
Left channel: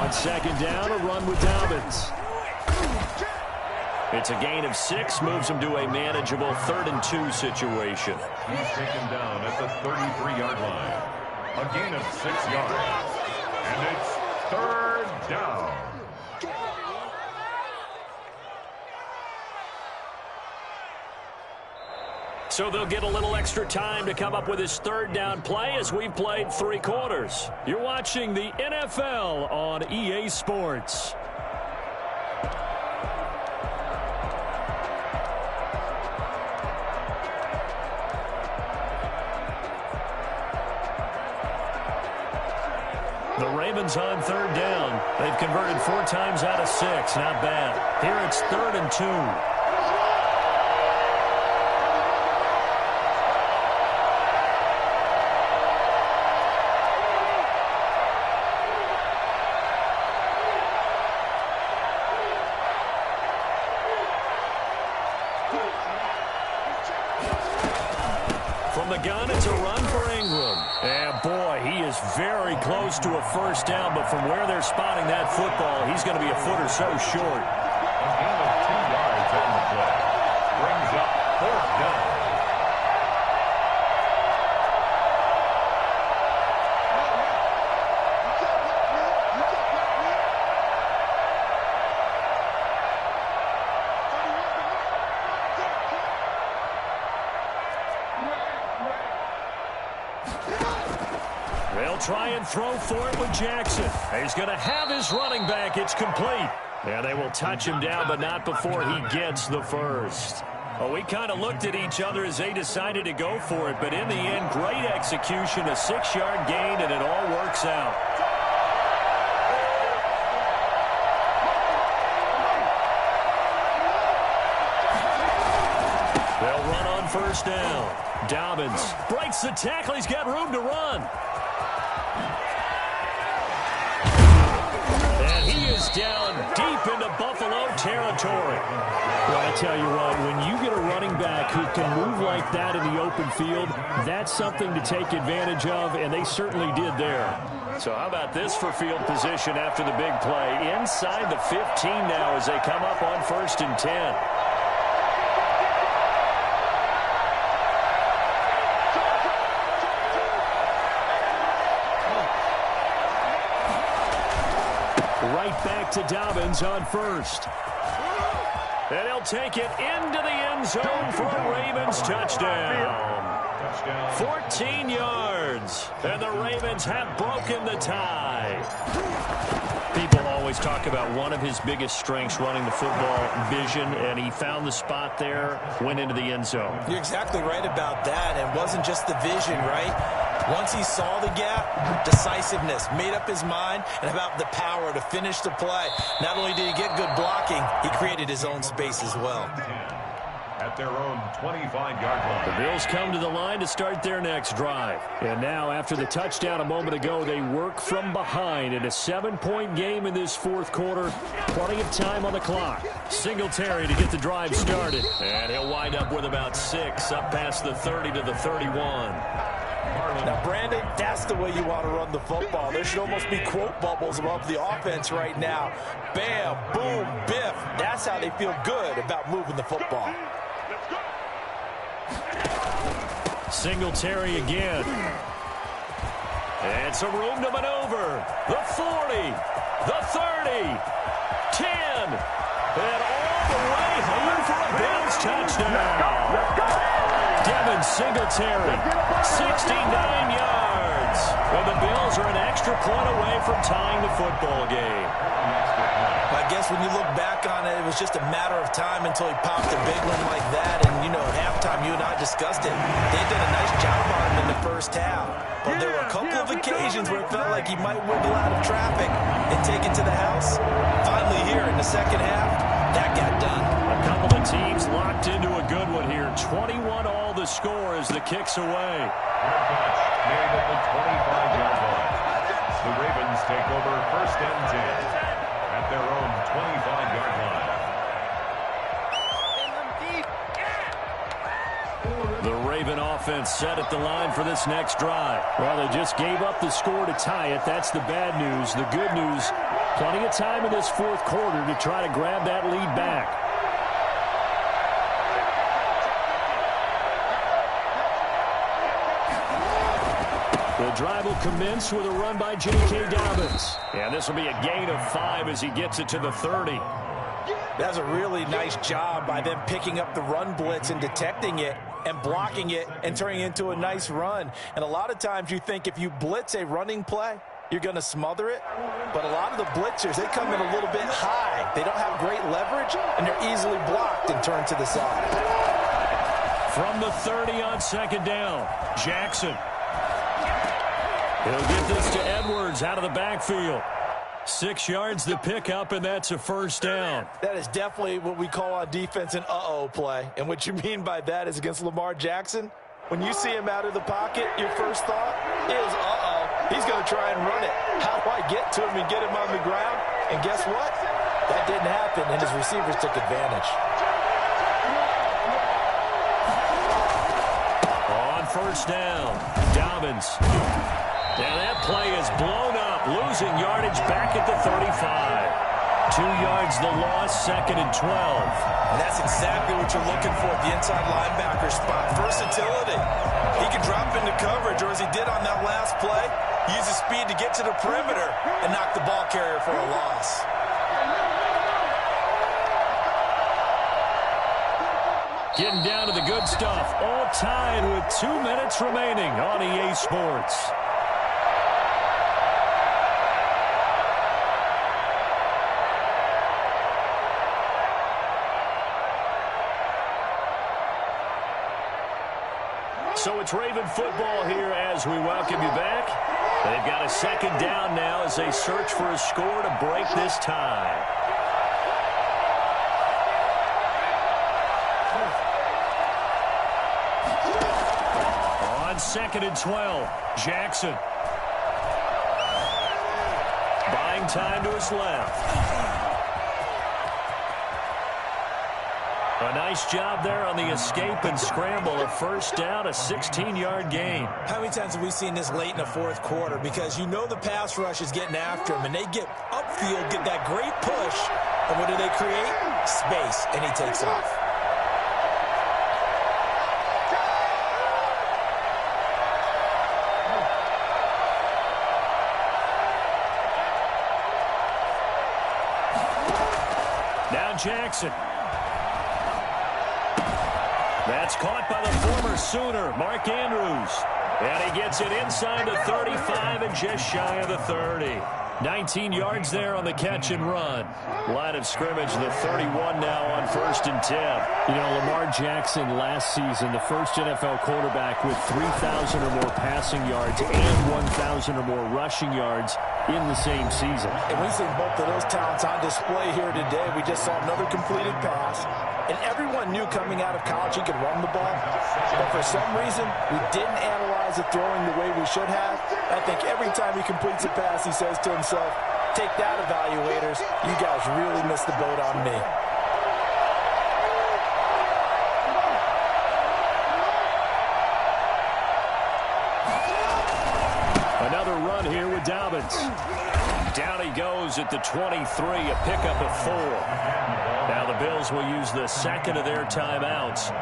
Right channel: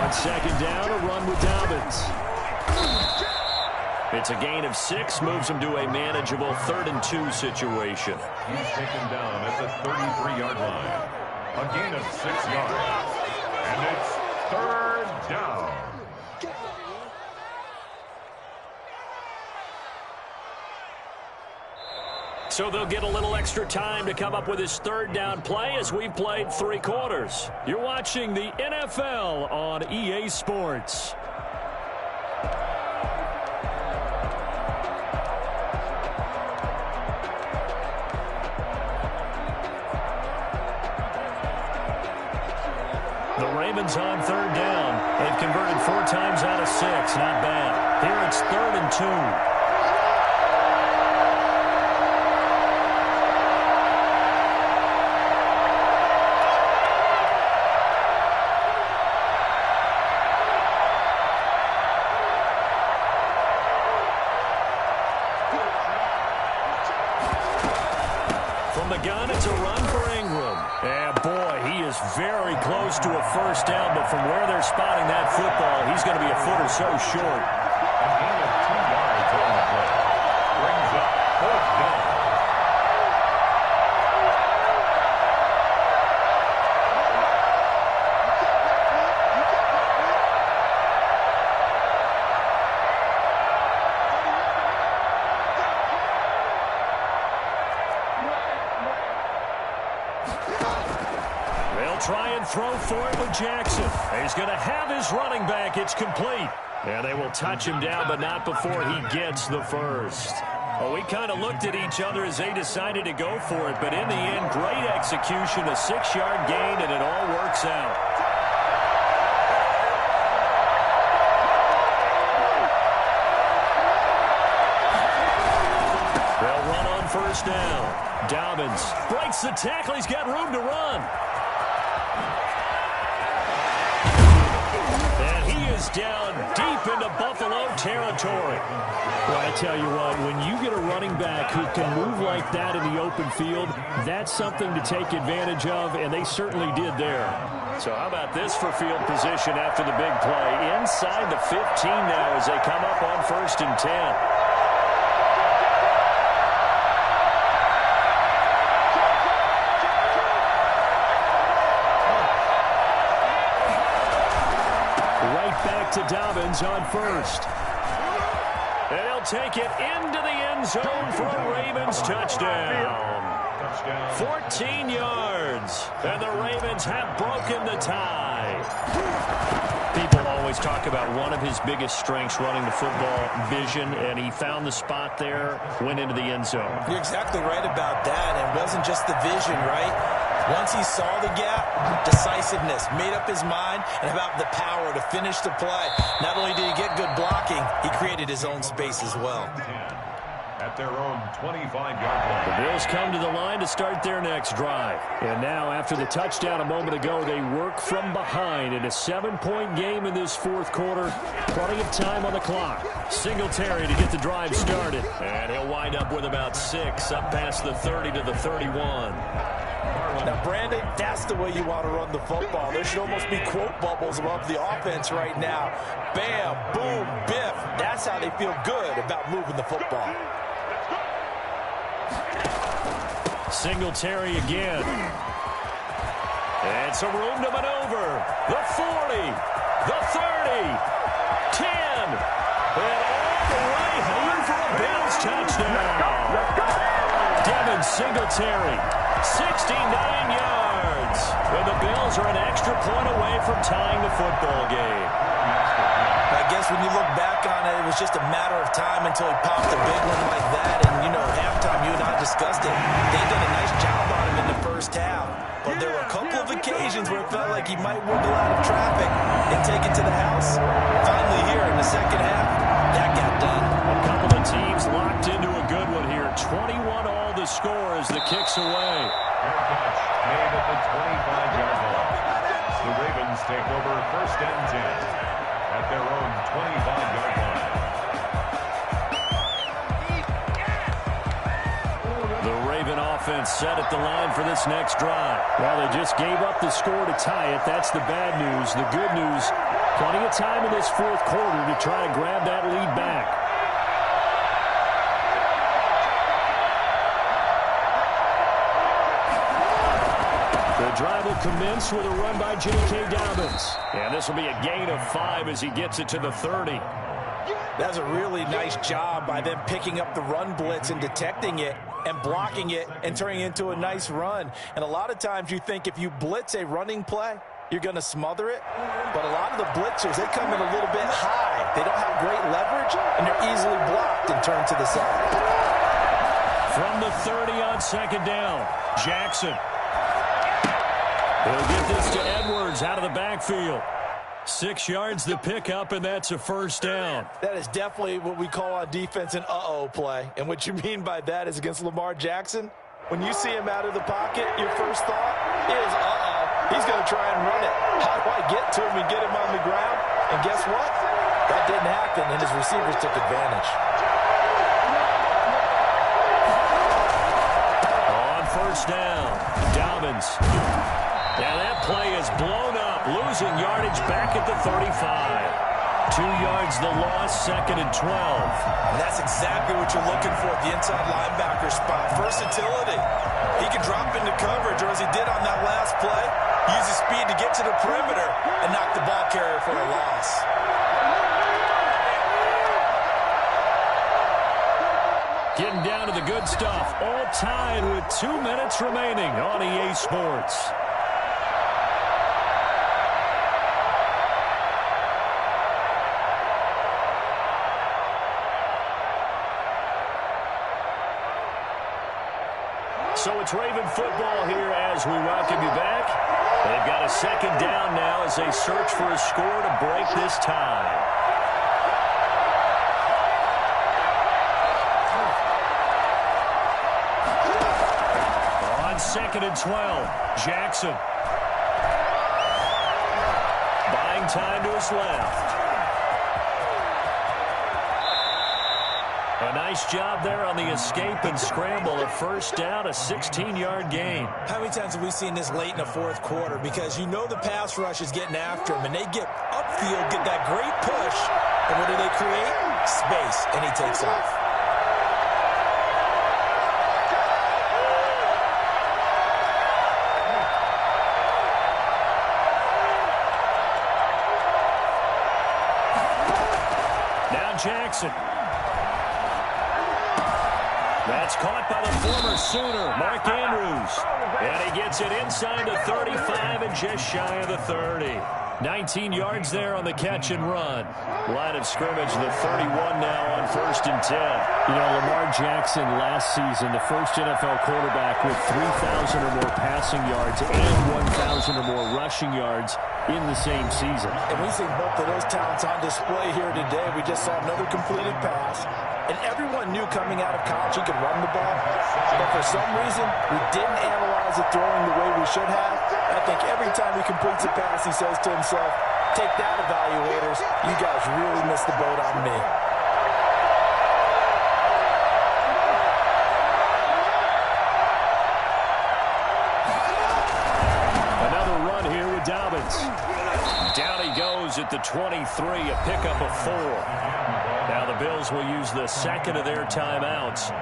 On 2nd down, a run with Dobbins. It's a gain of 6, moves him to a manageable 3rd and 2 situation. He's taken down at the 33-yard line. A gain of 6 yards. And it's 3rd down. So they'll get a little extra time to come up with his 3rd down play as we've played 3 quarters. You're watching the NFL on EA Sports. The Ravens on 3rd down. They've converted 4 times out of 6. Not bad. Here it's 3rd and 2. From the gun, it's a run for Ingram. And boy, he is very close to a 1st down, but from where they're spotting that football, he's going to be a foot or so short. A gain of 2 yards on the play. They'll try and throw for it with Jackson. He's going to have his running back. It's complete. And they will touch him down, but not before he gets the first. Well, we kind of looked at each other as they decided to go for it, but in the end, great execution, a 6-yard gain, and it all works out. They'll run on first down. Dobbins breaks the tackle. He's got room to run. And he is down deep into Buffalo territory. Well, I tell you what, when you get a running back who can move like that in the open field, that's something to take advantage of, and they certainly did there. So how about this for field position after the big play? Inside the 15 now as they come up on 1st and 10. Right back to Dobbins on first. And he'll take it into the end zone for a Ravens touchdown. 14 yards. And the Ravens have broken the tie. People always talk about one of his biggest strengths running the football, vision, and he found the spot there, went into the end zone. You're exactly right about that. It wasn't just the vision, right? Once he saw the gap, decisiveness, made up his mind, and about the power to finish the play. Not only did he get good blocking, he created his own space as well. At their own 25-yard line. The Bills come to the line to start their next drive. And now, after the touchdown a moment ago, they work from behind in a 7-point game in this fourth quarter. Plenty of time on the clock. Singletary to get the drive started. And he'll wind up with about 6 up past the 30 to the 31. Now, Brandon, that's the way you want to run the football. There should almost be quote bubbles above the offense right now. Bam, boom, biff. That's how they feel good about moving the football. Singletary again. And some room to maneuver. The 40, the 30, 10, and all the way home for a Bills touchdown. Devin Singletary, 69 yards. Well, the Bills are an extra point away from tying the football game. I guess when you look back on it, it was just a matter of time until he popped a big one like that. And, you know, at halftime, you and I discussed it. They did a nice job on him in the first half. But there were a couple of occasions where it felt like he might wiggle out of traffic and take it to the house. Finally here in the second half, that got done. A couple of teams locked into a good one here. 21-all the score as the kick's away. Fair catch made at the 25-yard line. The Ravens take over 1st and 10 at their own 25-yard line. The Raven offense set at the line for this next drive. Well, they just gave up the score to tie it. That's the bad news. The good news, plenty of time in this fourth quarter to try to grab that lead back. The drive will commence with a run by J.K. Dobbins. And this will be a gain of 5 as he gets it to the 30. That's a really nice job by them picking up the run blitz and detecting it and blocking it and turning it into a nice run. And a lot of times you think if you blitz a running play, you're going to smother it. But a lot of the blitzers, they come in a little bit high. They don't have great leverage, and they're easily blocked and turned to the side. From the 30 on second down, Jackson. He'll get this to Edwards out of the backfield. 6 yards the pickup, and that's a first down. That is definitely what we call on defense an uh-oh play. And what you mean by that is against Lamar Jackson, when you see him out of the pocket, your first thought is, uh-oh, he's going to try and run it. How do I get to him and get him on the ground? And guess what? That didn't happen, and his receivers took advantage. On first down, Dobbins. Now that play is blown up, losing yardage back at the 35. 2 yards the loss, 2nd and 12. And that's exactly what you're looking for at the inside linebacker spot. Versatility. He can drop into coverage, or as he did on that last play, use his speed to get to the perimeter and knock the ball carrier for a loss. Getting down to the good stuff. All tied with 2 minutes remaining on EA Sports. So it's Raven football here as we welcome you back. They've got a second down now as they search for a score to break this tie. On 2nd and 12, Jackson. Buying time to his left. A nice job there on the escape and scramble. A first down, a 16-yard gain. How many times have we seen this late in the fourth quarter? Because you know the pass rush is getting after him, and they get upfield, get that great push, and what do they create? Space, and he takes off. Now Jackson. That's caught by the former Sooner, Mark Andrews. And he gets it inside the 35 and just shy of the 30. 19 yards there on the catch and run. Line of scrimmage, the 31 now on 1st and 10. You know, Lamar Jackson last season, the first NFL quarterback with 3,000 or more passing yards and 1,000 or more rushing yards in the same season. And we've seen both of those talents on display here today. We just saw another completed pass. And everyone knew coming out of college he could run the ball. But for some reason, we didn't analyze the throwing the way we should have. I think every time he completes a pass, he says to himself, take that, evaluators. You guys really missed the boat on me. Another run here with Dobbins. Down he goes at the 23, a pickup of 4. Now the Bills will use the second of their timeouts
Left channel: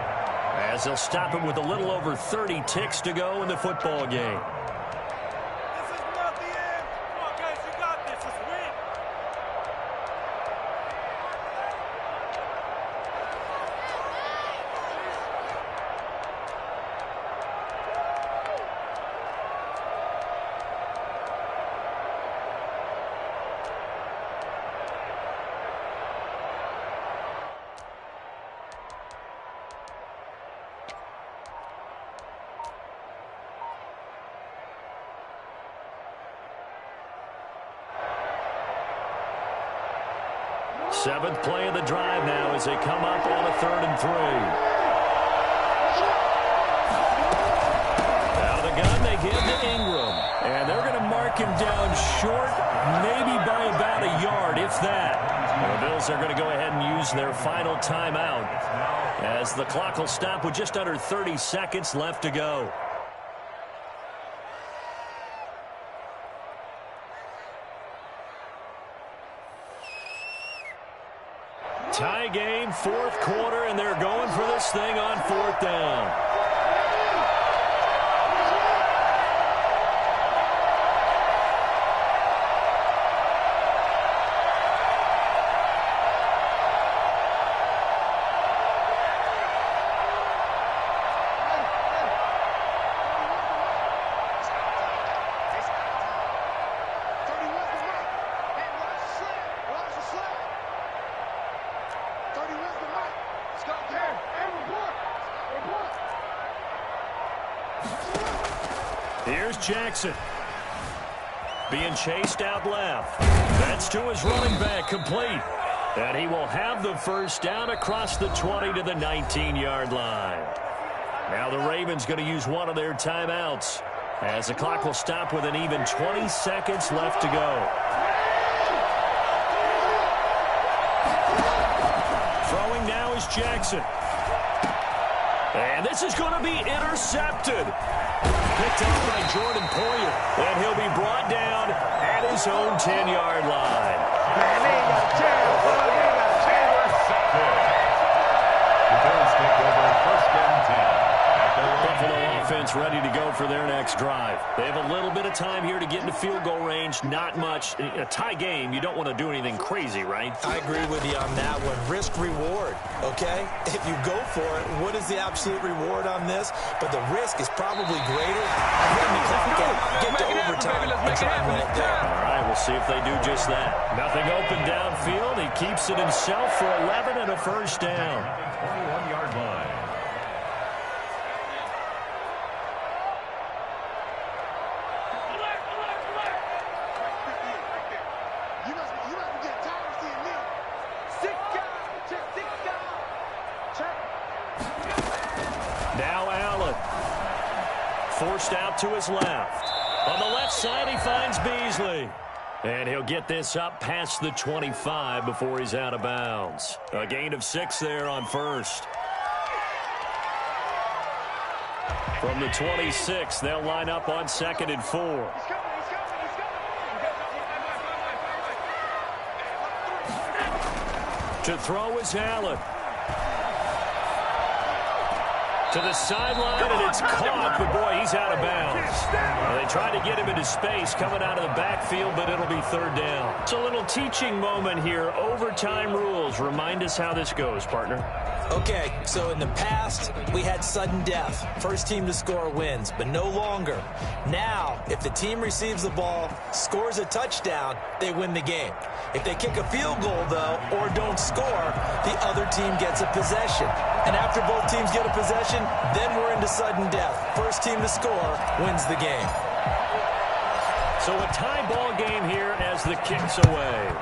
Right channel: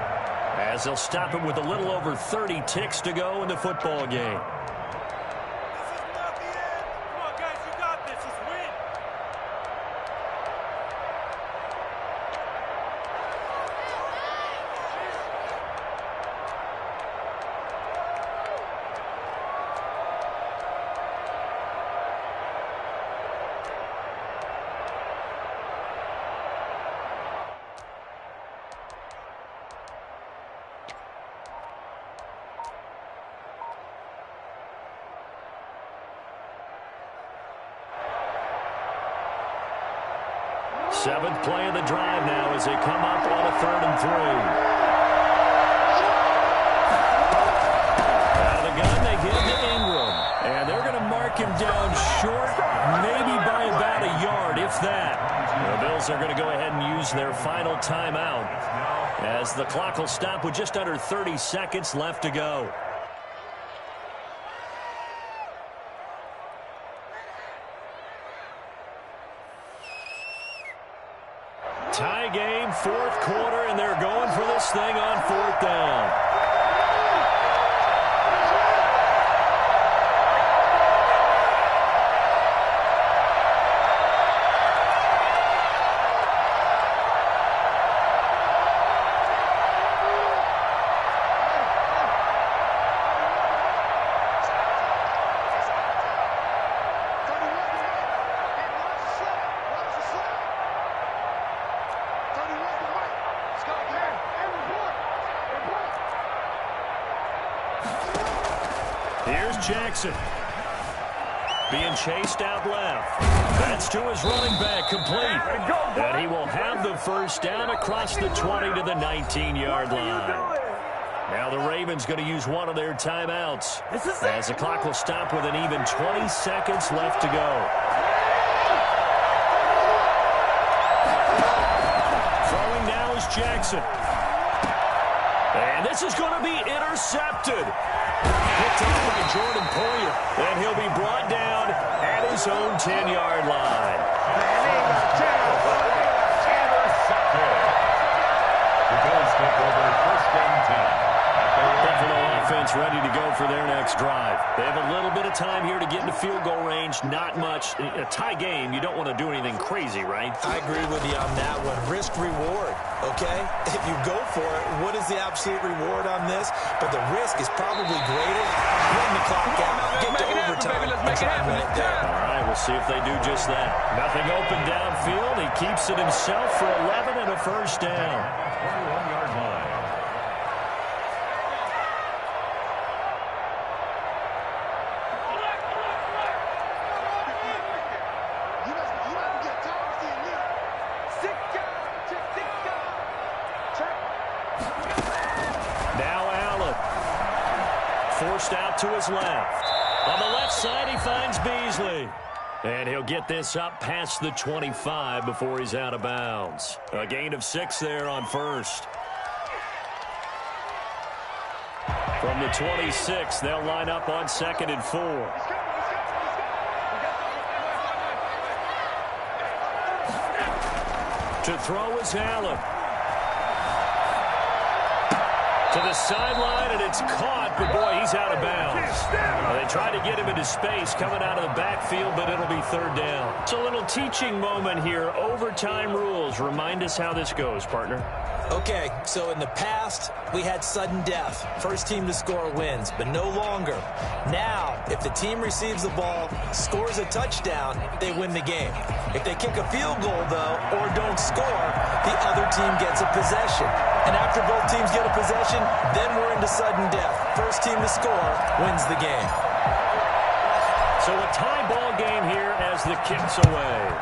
as they'll stop him with a little over 30 ticks to go in the football game. This is not the end. Come on, guys, you got this. Let's win. Seventh play of the drive now as they come up on a 3rd and 3. Out of the gun, they give to Ingram. And they're going to mark him down short, maybe by about a yard, if that. The Bills are going to go ahead and use their final timeout as the clock will stop with just under 30 seconds left to go. Tie game, 4th quarter, and they're going for this thing on 4th down. Here's Jackson. Being chased out left. That's to his running back, complete. And he will have the first down across the 20 to the 19-yard line. Now the Ravens going to use one of their timeouts as the clock will stop with an even 20 seconds left to go. Throwing now is Jackson. And this is going to be intercepted. Picked off by Jordan Poyer. And he'll be brought down at his own 10-yard line. Intercepted. The Bills take over 1st and 10 at Buffalo offense ready to go for their next drive. They have a little bit of time here to get into field goal range. Not much. A tie game, you don't want to do anything crazy, right? I agree with you on that one. Risk-reward, okay? If you go for it, what is the absolute reward on this? But the risk is probably greater. Run the clock out, get to overtime, and try and win it there. All right, we'll see if they do just that. Nothing open downfield. He keeps it himself for 11 and a first down. 21-yard line. Now Allen. Forced out to his left. On the left side, he finds Beasley. And he'll get this up past the 25 before he's out of bounds. A gain of 6 there on first. From the 26, they'll line up on 2nd and 4. To throw is Allen. To the sideline, and it's caught, but boy, he's out of bounds. Well, they tried to get him into space coming out of the backfield, but it'll be 3rd down. It's a little teaching moment here. Overtime rules. Remind us how this goes, partner. Okay, so in the past, we had sudden death. First team to score wins, but no longer. Now, if the team receives the ball, scores a touchdown, they win the game. If they kick a field goal, though, or don't score, the other team gets a possession. And after both teams get a possession, then we're into sudden death. First team to score wins the game. So a tie ball game here as the kick's away.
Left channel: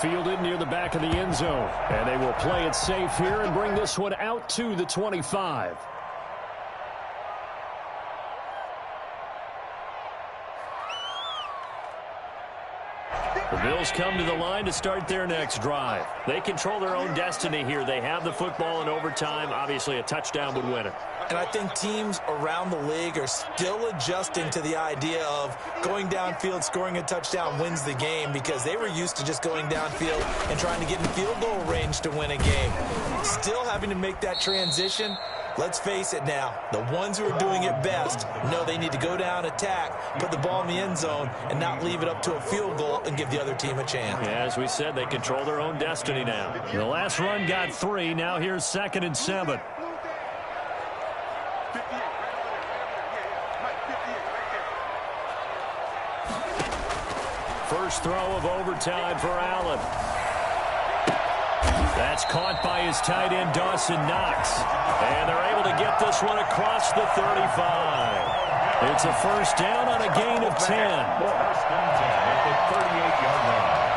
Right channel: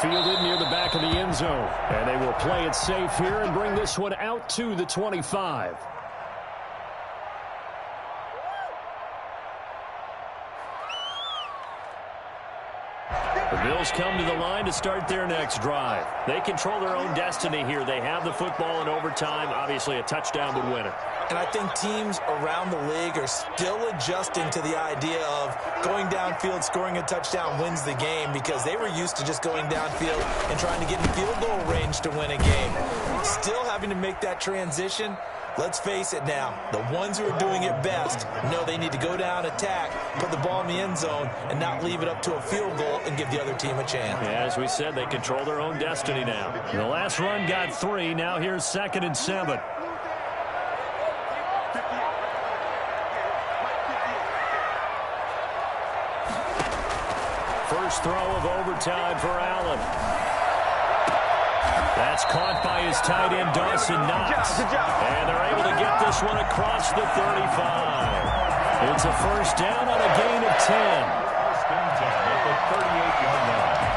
Fielded near the back of the end zone. And they will play it safe here and bring this one out to the 25. The Bills come to the line to start their next drive. They control their own destiny here. They have the football in overtime. Obviously, a touchdown would win it. And I think teams around the league are still adjusting to the idea of going downfield, scoring a touchdown wins the game, because they were used to just going downfield and trying to get in field goal range to win a game. Still having to make that transition. Let's face it now, the ones who are doing it best know they need to go down, attack, put the ball in the end zone, and not leave it up to a field goal and give the other team a chance. Yeah, as we said, they control their own destiny now. The last run got 3. Now here's 2nd and 7. First throw of overtime for Allen. That's caught by his tight end, Dawson Knox. And they're able to get this one across the 35. It's a first down on a gain of 10. First and 10 at the 38-yard line.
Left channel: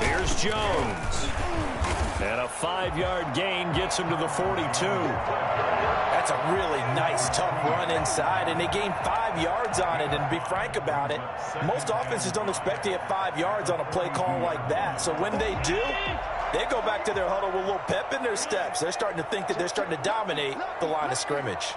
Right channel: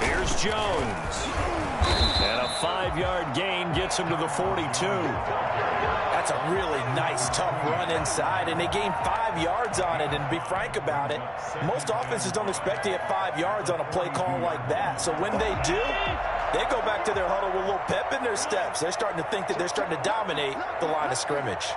Here's Jones. And a 5-yard gain gets him to the 42. That's a really nice, tough run inside, and they gained 5 yards on it. And to be frank about it, most offenses don't expect to get 5 yards on a play call like that. So when they do, they go back to their huddle with a little pep in their steps. They're starting to think that they're starting to dominate the line of scrimmage.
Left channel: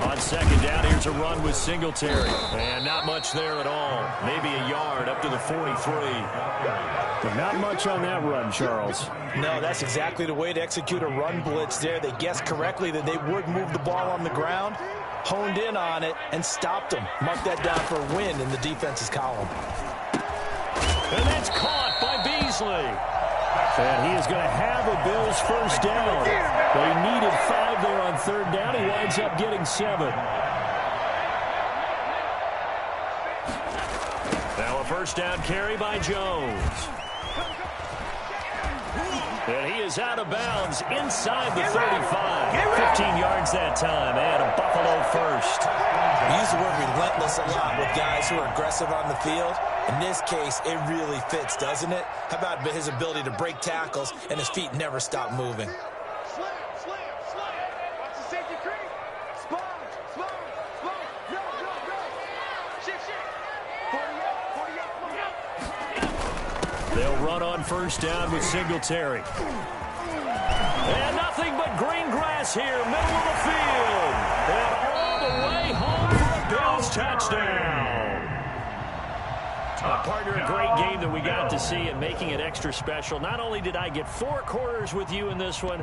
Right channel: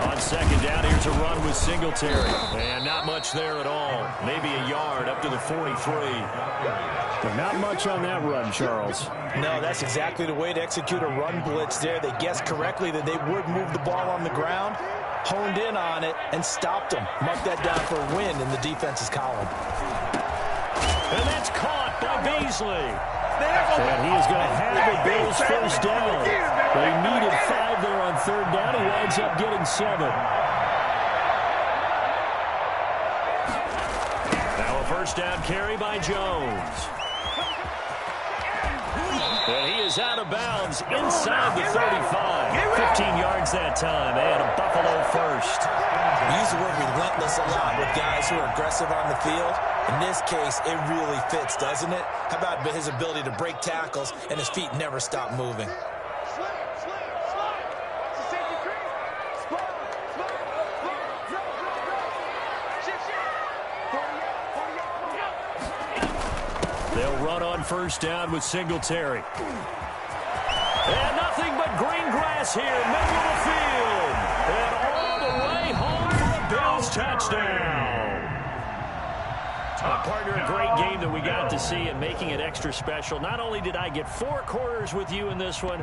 On 2nd down, here's a run with Singletary. And not much there at all. Maybe a yard up to the 43. But not much on that run, Charles. No, that's exactly the way to execute a run blitz there. They guessed correctly that they would move the ball on the ground, honed in on it, and stopped them. Mark that down for a win in the defense's column. And that's caught by Beasley. And he is going to have a Bills first down. They needed 5 there on 3rd down. He winds up getting 7. Now a first down carry by Jones. And he is out of bounds inside the 35. 15 yards that time, and a Buffalo first. We use the word relentless a lot with guys who are aggressive on the field. In this case, it really fits, doesn't it? How about his ability to break tackles and his feet never stop moving? They'll run on first down with Singletary. And nothing but green grass here, middle of the field. And all the way home for a Bills touchdown. Partner, a great game that we got to see and making it extra special. Not only did I get 4 quarters with you in this one,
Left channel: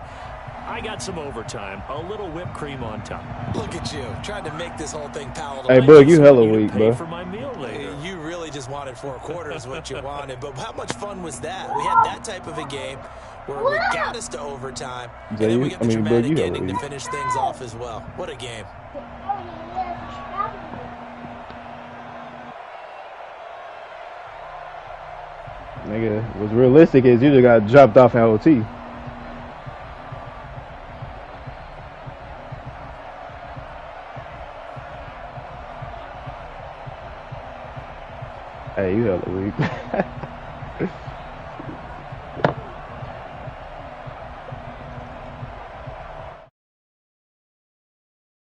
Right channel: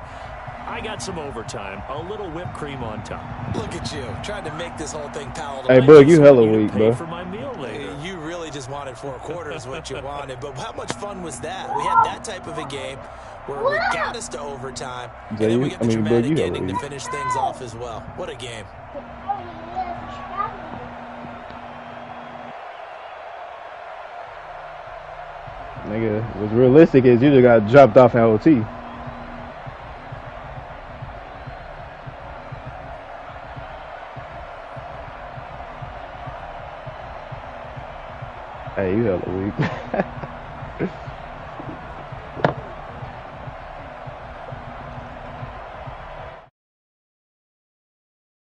I got some overtime, a little whipped cream on top. Look at you, trying to make this whole thing palatable. Hey, Boog, you hella weak, Pay bro. for my meal later. You really just wanted 4 quarters, what you wanted. But how much fun was that? We had that type of a game where we got us to overtime, and then we get the dramatic ending to finish things off as well. What a game. Nigga, what's realistic is you just got dropped off in OT. Hey, you hella weak.